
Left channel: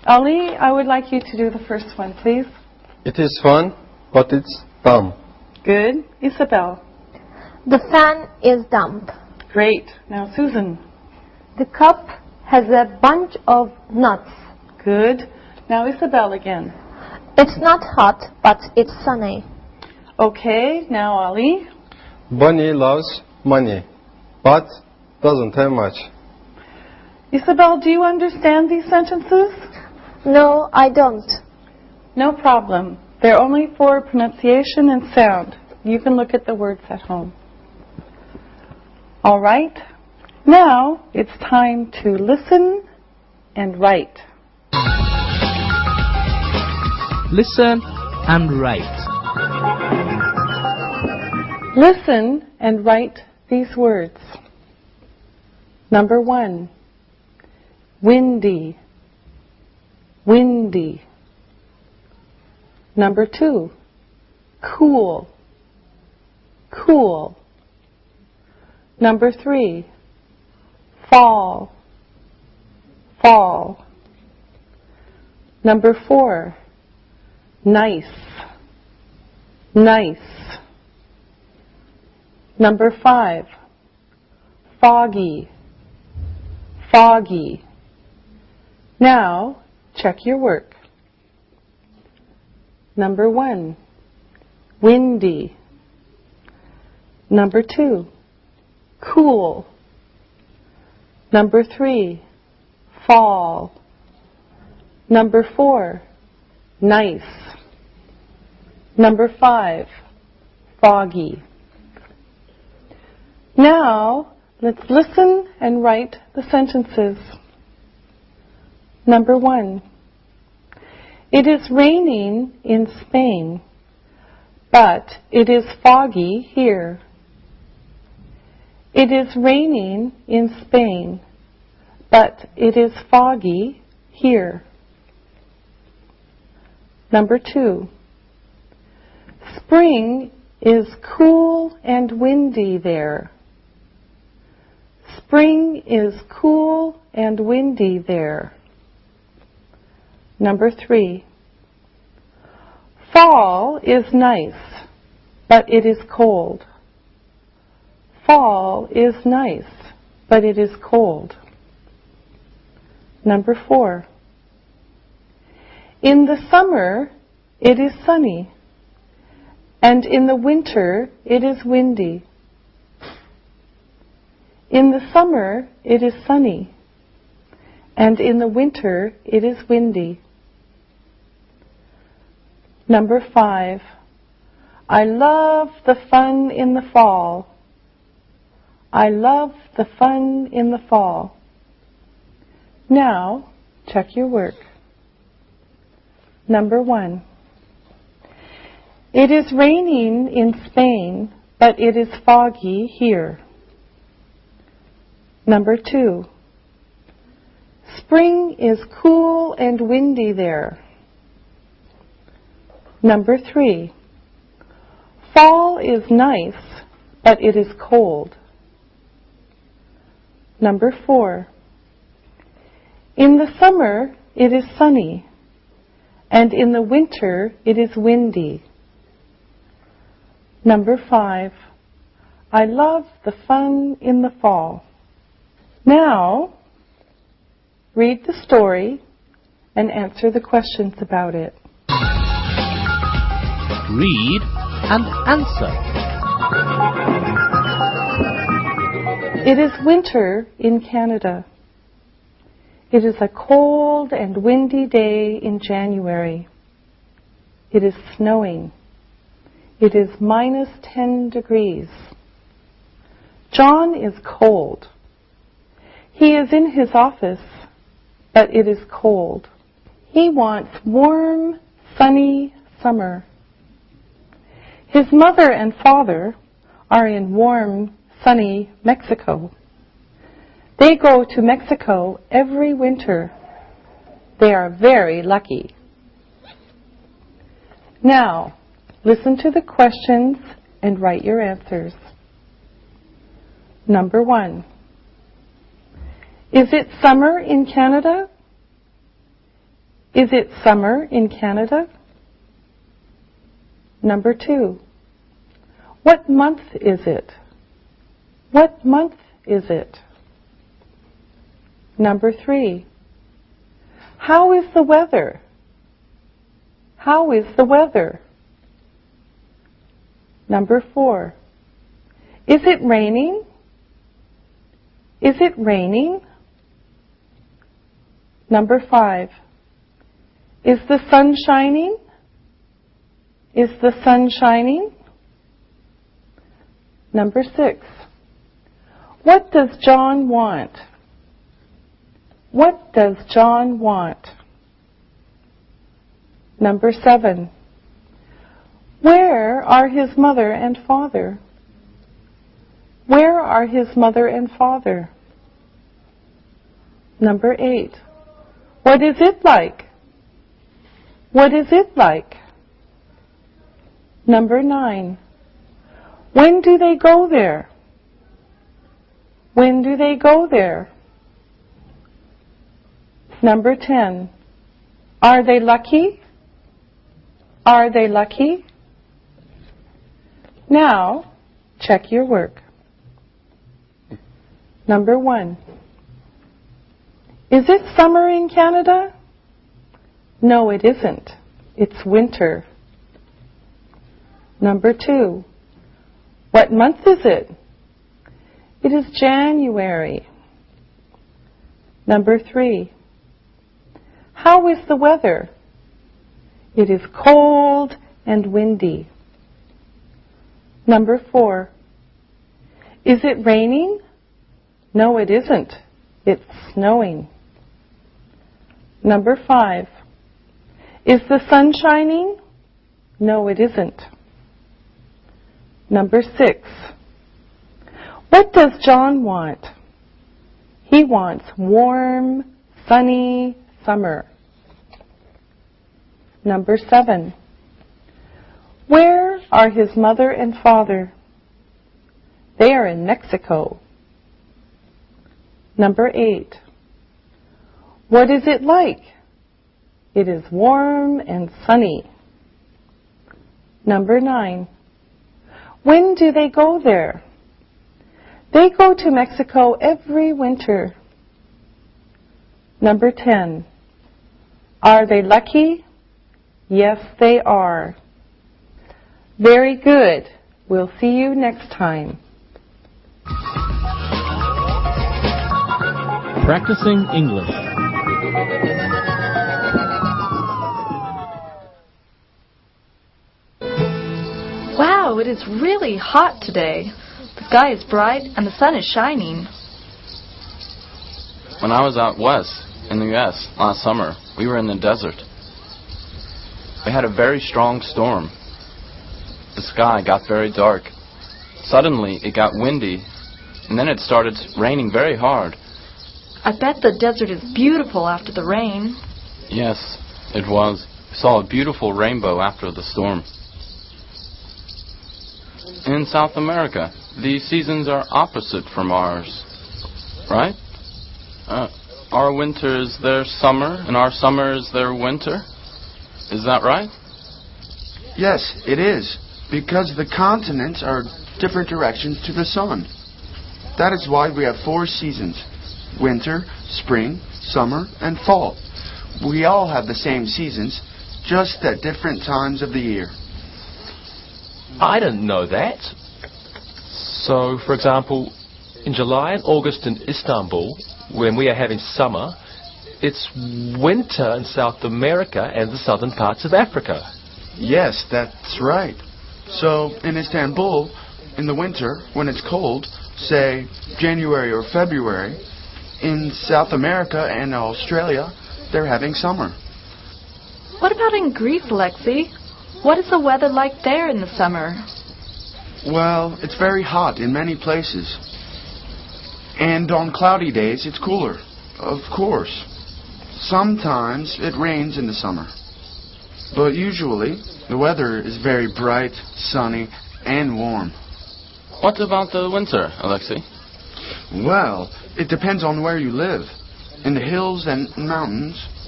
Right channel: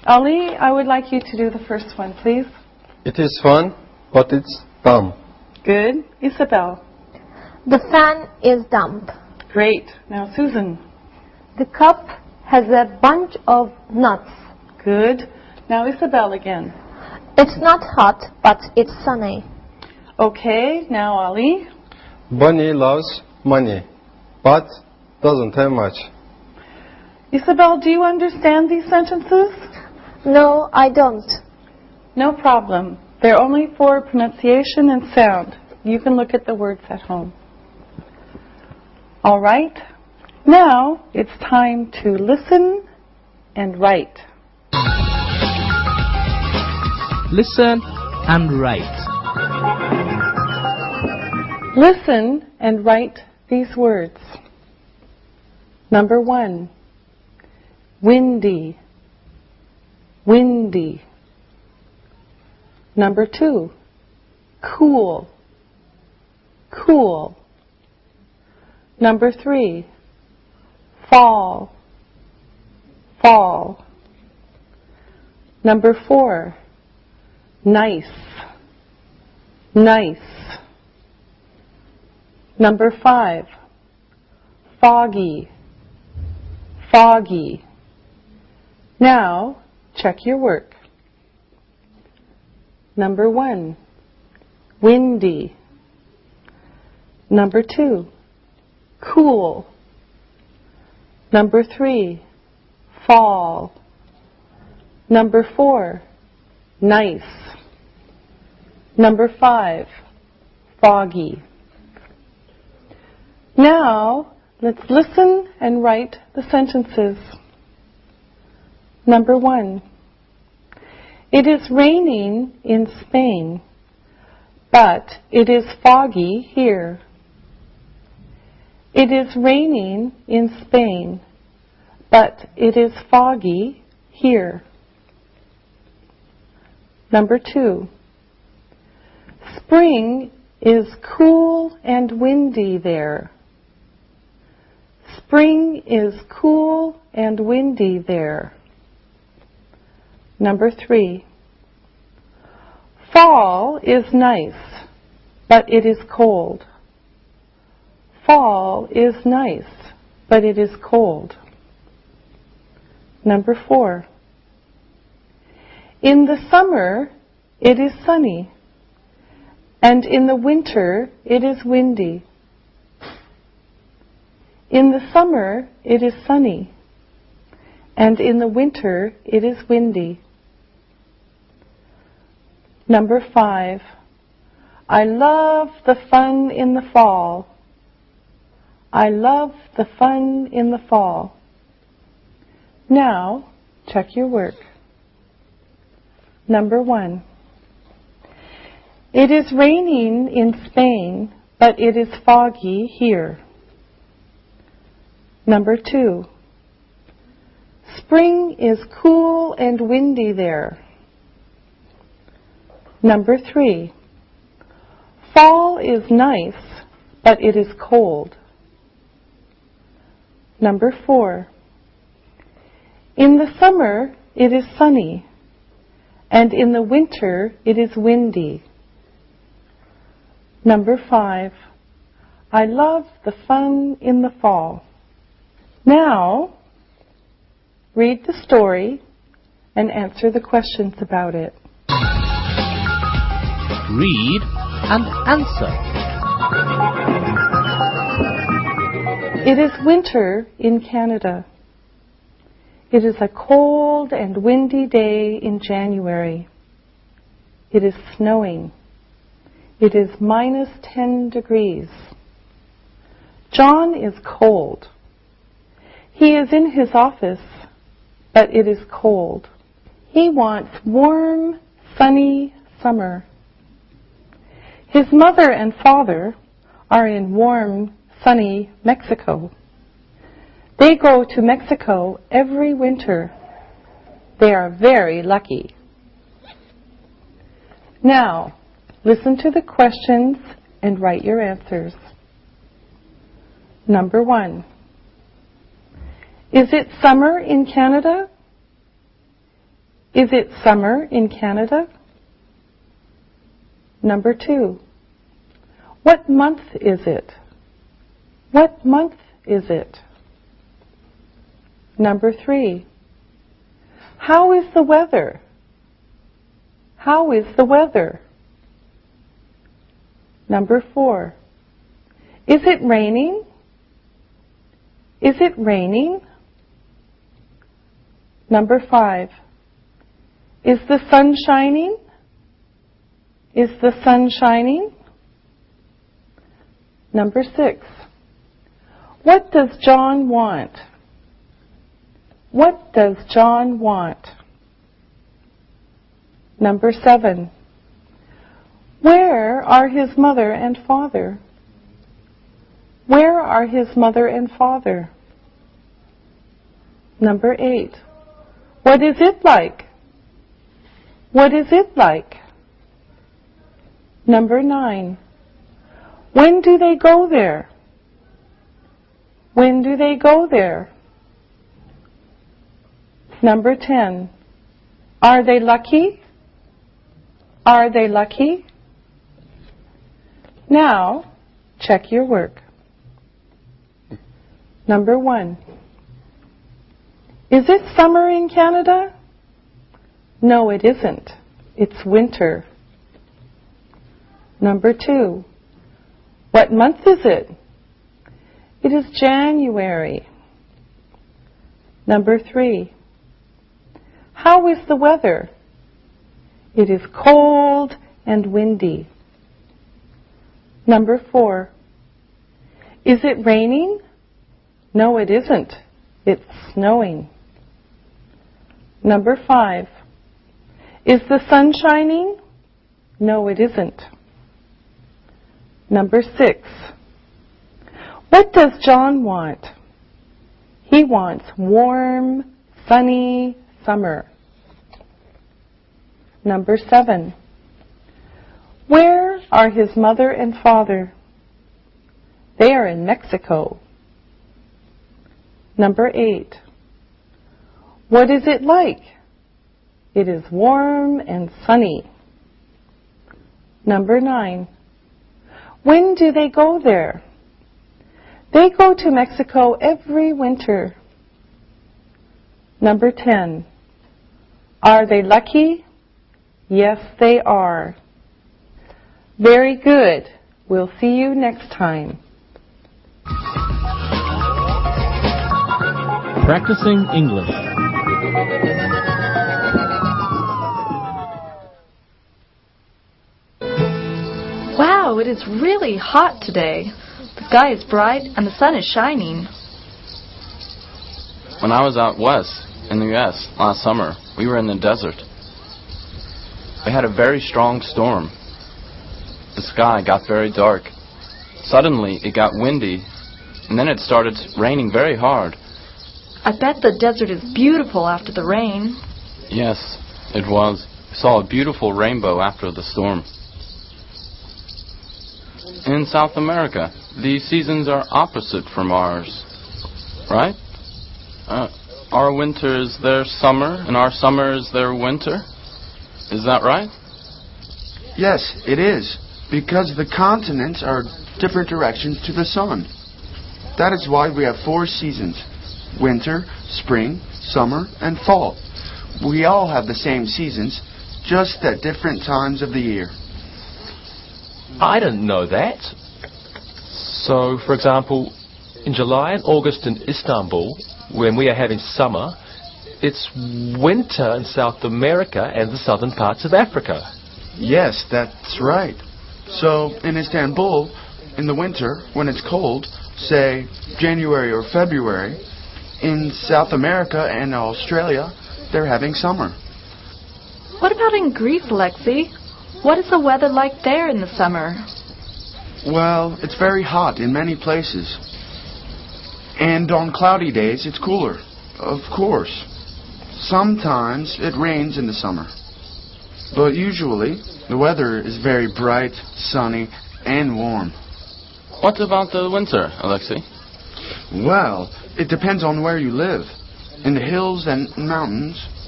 Ali, I would like you to do the first one, please. It is fun, but it's dumb. Good. Isabel. The fan is dumb. Great. Now Susan. The cup has a bunch of nuts. Good. Now Isabel again. It's not hot, but it's sunny. Okay. Now Ali. Bunny loves money, but doesn't have much. Isabel, do you understand these sentences? No, I don't. No problem. They're only for pronunciation and sound. You can look at the words at home. All right. Now it's time to listen and write. Listen and write. Listen and write these words. Number 1, windy, windy. Number 2, cool, cool. Number 3, fall, fall. Number 4, nice, nice. Number 5, foggy, foggy. Now, check your work. Number 1, windy. Number 2, cool. Number 3, fall. Number 4, nice. Number 5, foggy. Now, let's listen and write the sentences. Number 1. It is raining in Spain, but it is foggy here. It is raining in Spain, but it is foggy here. Number 2. Spring is cool and windy there. Spring is cool and windy there. Number 3. Fall is nice, but it is cold. Fall is nice, but it is cold. Number 4. In the summer, it is sunny, and in the winter, it is windy. In the summer, it is sunny, and in the winter, it is windy. Number 5. I love the fun in the fall. I love the fun in the fall. Now, check your work. Number 1. It is raining in Spain, but it is foggy here. Number 2. Spring is cool and windy there. Number 3. Fall is nice, but it is cold. Number 4. In the summer, it is sunny, and in the winter, it is windy. Number 5. I love the fun in the fall. Now, read the story and answer the questions about it. Read and answer. It is winter in Canada. It is a cold and windy day in January. It is snowing. It is minus 10 degrees. John is cold. He is in his office, but it is cold. He wants warm, sunny summer. His mother and father are in warm, sunny Mexico. They go to Mexico every winter. They are very lucky. Now, listen to the questions and write your answers. Number 1. Is it summer in Canada? Is it summer in Canada? Number 2. What month is it? What month is it? Number 3. How is the weather? How is the weather? Number 4. Is it raining? Is it raining? Number 5. Is the sun shining? Is the sun shining? Number 6. What does John want? What does John want? Number 7. Where are his mother and father? Where are his mother and father? Number 8. What is it like? What is it like? Number 9. When do they go there? When do they go there? Number 10. Are they lucky? Are they lucky? Now, check your work. Number 1. Is it summer in Canada? No, it isn't. It's winter. Number 2. What month is it? It is January. Number 3. How is the weather? It is cold and windy. Number 4. Is it raining? No, it isn't. It's snowing. Number 5. Is the sun shining? No, it isn't. Number 6. What does John want? He wants warm, sunny summer. Number 7. Where are his mother and father? They are in Mexico. Number 8. What is it like? It is warm and sunny. Number 9. When do they go there? They go to Mexico every winter. Number 10. Are they lucky? Yes, they are. Very good. We'll see you next time. Practicing English. Wow, it is really hot today. The sky is bright and the sun is shining. When I was out west in the U.S. last summer, we were in the desert. We had a very strong storm. The sky got very dark. Suddenly, it got windy, and then it started raining very hard. I bet the desert is beautiful after the rain. Yes, it was. We saw a beautiful rainbow after the storm. In South America, the seasons are opposite from ours, right? Our winter is their summer, and our summer is their winter. Is that right? Yes, it is, because the continents are different directions to the sun. That is why we have 4 seasons: winter, spring, summer, and fall. We all have the same seasons, just at different times of the year. I didn't know that. So, for example, in July and August in Istanbul, when we are having summer, it's winter in South America and the southern parts of Africa. Yes, that's right. So, in Istanbul, in the winter, when it's cold, say January or February, in South America and Australia, they're having summer. What about in Greece, Alexei? What is the weather like there in the summer? Well, it's very hot in many places. And on cloudy days, it's cooler. Of course. Sometimes it rains in the summer. But usually, the weather is very bright, sunny, and warm. What about the winter, Alexei? Well, it depends on where you live. In the hills and mountains,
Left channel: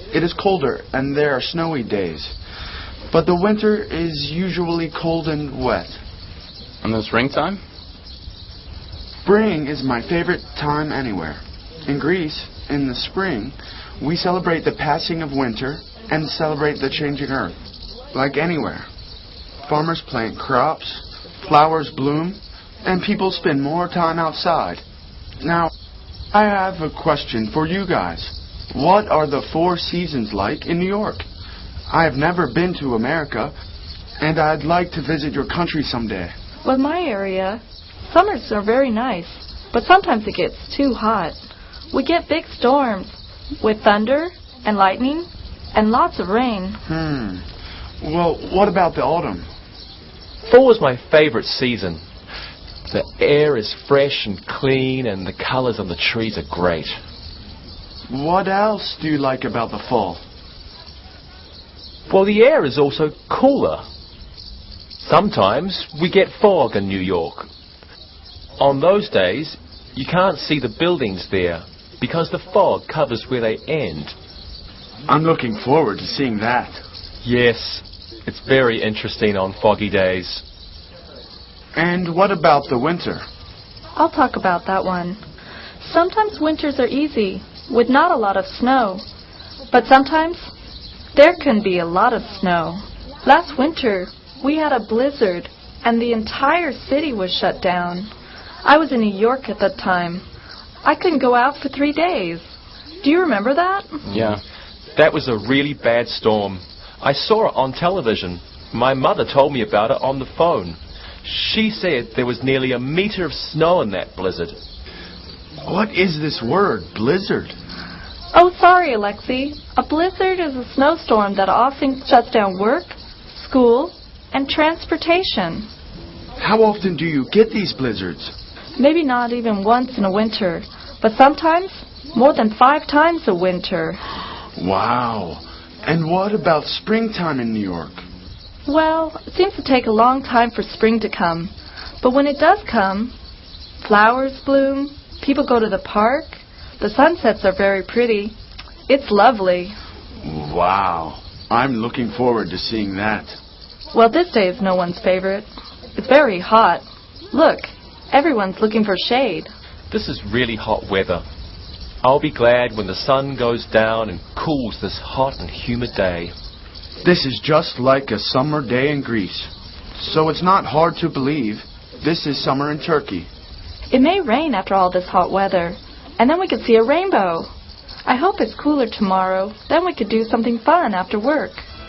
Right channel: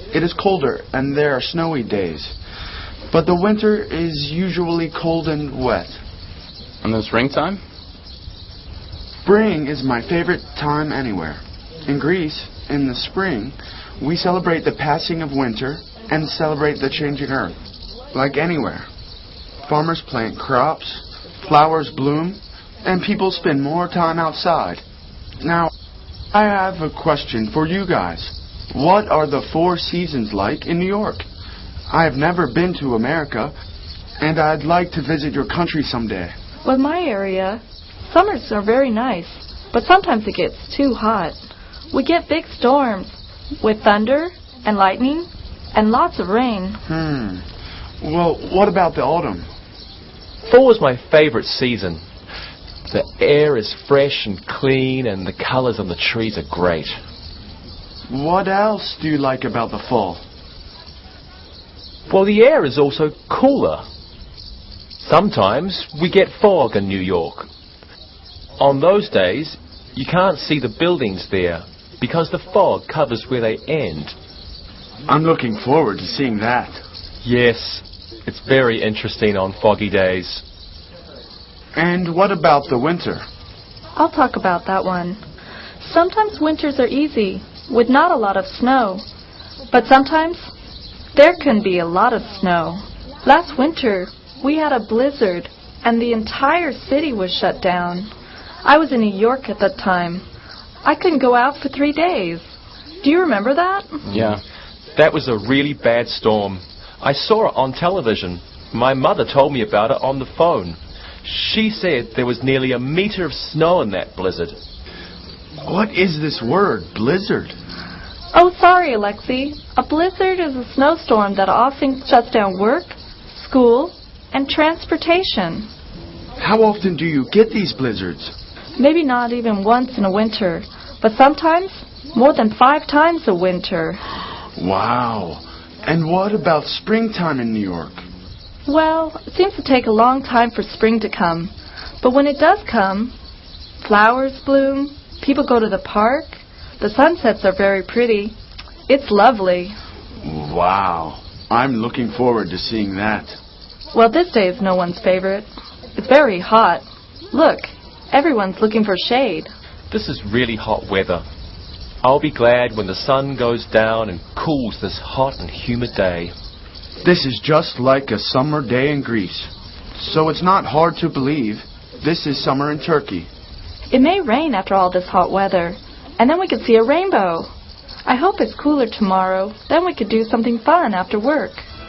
it is colder and there are snowy days. But the winter is usually cold and wet. And the springtime? Spring is my favorite time anywhere. In Greece, in the spring, we celebrate the passing of winter and celebrate the changing earth. Like anywhere. Farmers plant crops, flowers bloom, and people spend more time outside. Now, I have a question for you guys. What are the 4 seasons like in New York? I have never been to America, and I'd like to visit your country someday. Well, in my area, summers are very nice, but sometimes it gets too hot. We get big storms with thunder and lightning and lots of rain. Well, what about the autumn? Fall is my favorite season. The air is fresh and clean, and the colors on the trees are great. What else do you like about the fall? Well, the air is also cooler. Sometimes we get fog in New York. On those days, you can't see the buildings there because the fog covers where they end. I'm looking forward to seeing that. Yes, it's very interesting on foggy days. And what about the winter? I'll talk about that one. Sometimes winters are easy, with not a lot of snow. But sometimes there can be a lot of snow. Last winter, we had a blizzard, and the entire city was shut down. I was in New York at that time. I couldn't go out for 3 days. Do you remember that? Yeah. That was a really bad storm. I saw it on television. My mother told me about it on the phone. She said there was nearly 1 meter of snow in that blizzard. What is this word, blizzard? Oh, sorry, Alexei. A blizzard is a snowstorm that often shuts down work, school, and transportation. How often do you get these blizzards? Maybe not even once in a winter, but sometimes more than 5 times a winter. Wow. And what about springtime in New York? Well, it seems to take a long time for spring to come. But when it does come, flowers bloom, people go to the park, the sunsets are very pretty. It's lovely. Wow. I'm looking forward to seeing that. Well, this day is no one's favorite. It's very hot. Look, everyone's looking for shade. This is really hot weather. I'll be glad when the sun goes down and cools this hot and humid day. This is just like a summer day in Greece. So it's not hard to believe this is summer in Turkey. It may rain after all this hot weather, and then we could see a rainbow. I hope it's cooler tomorrow. Then we could do something fun after work.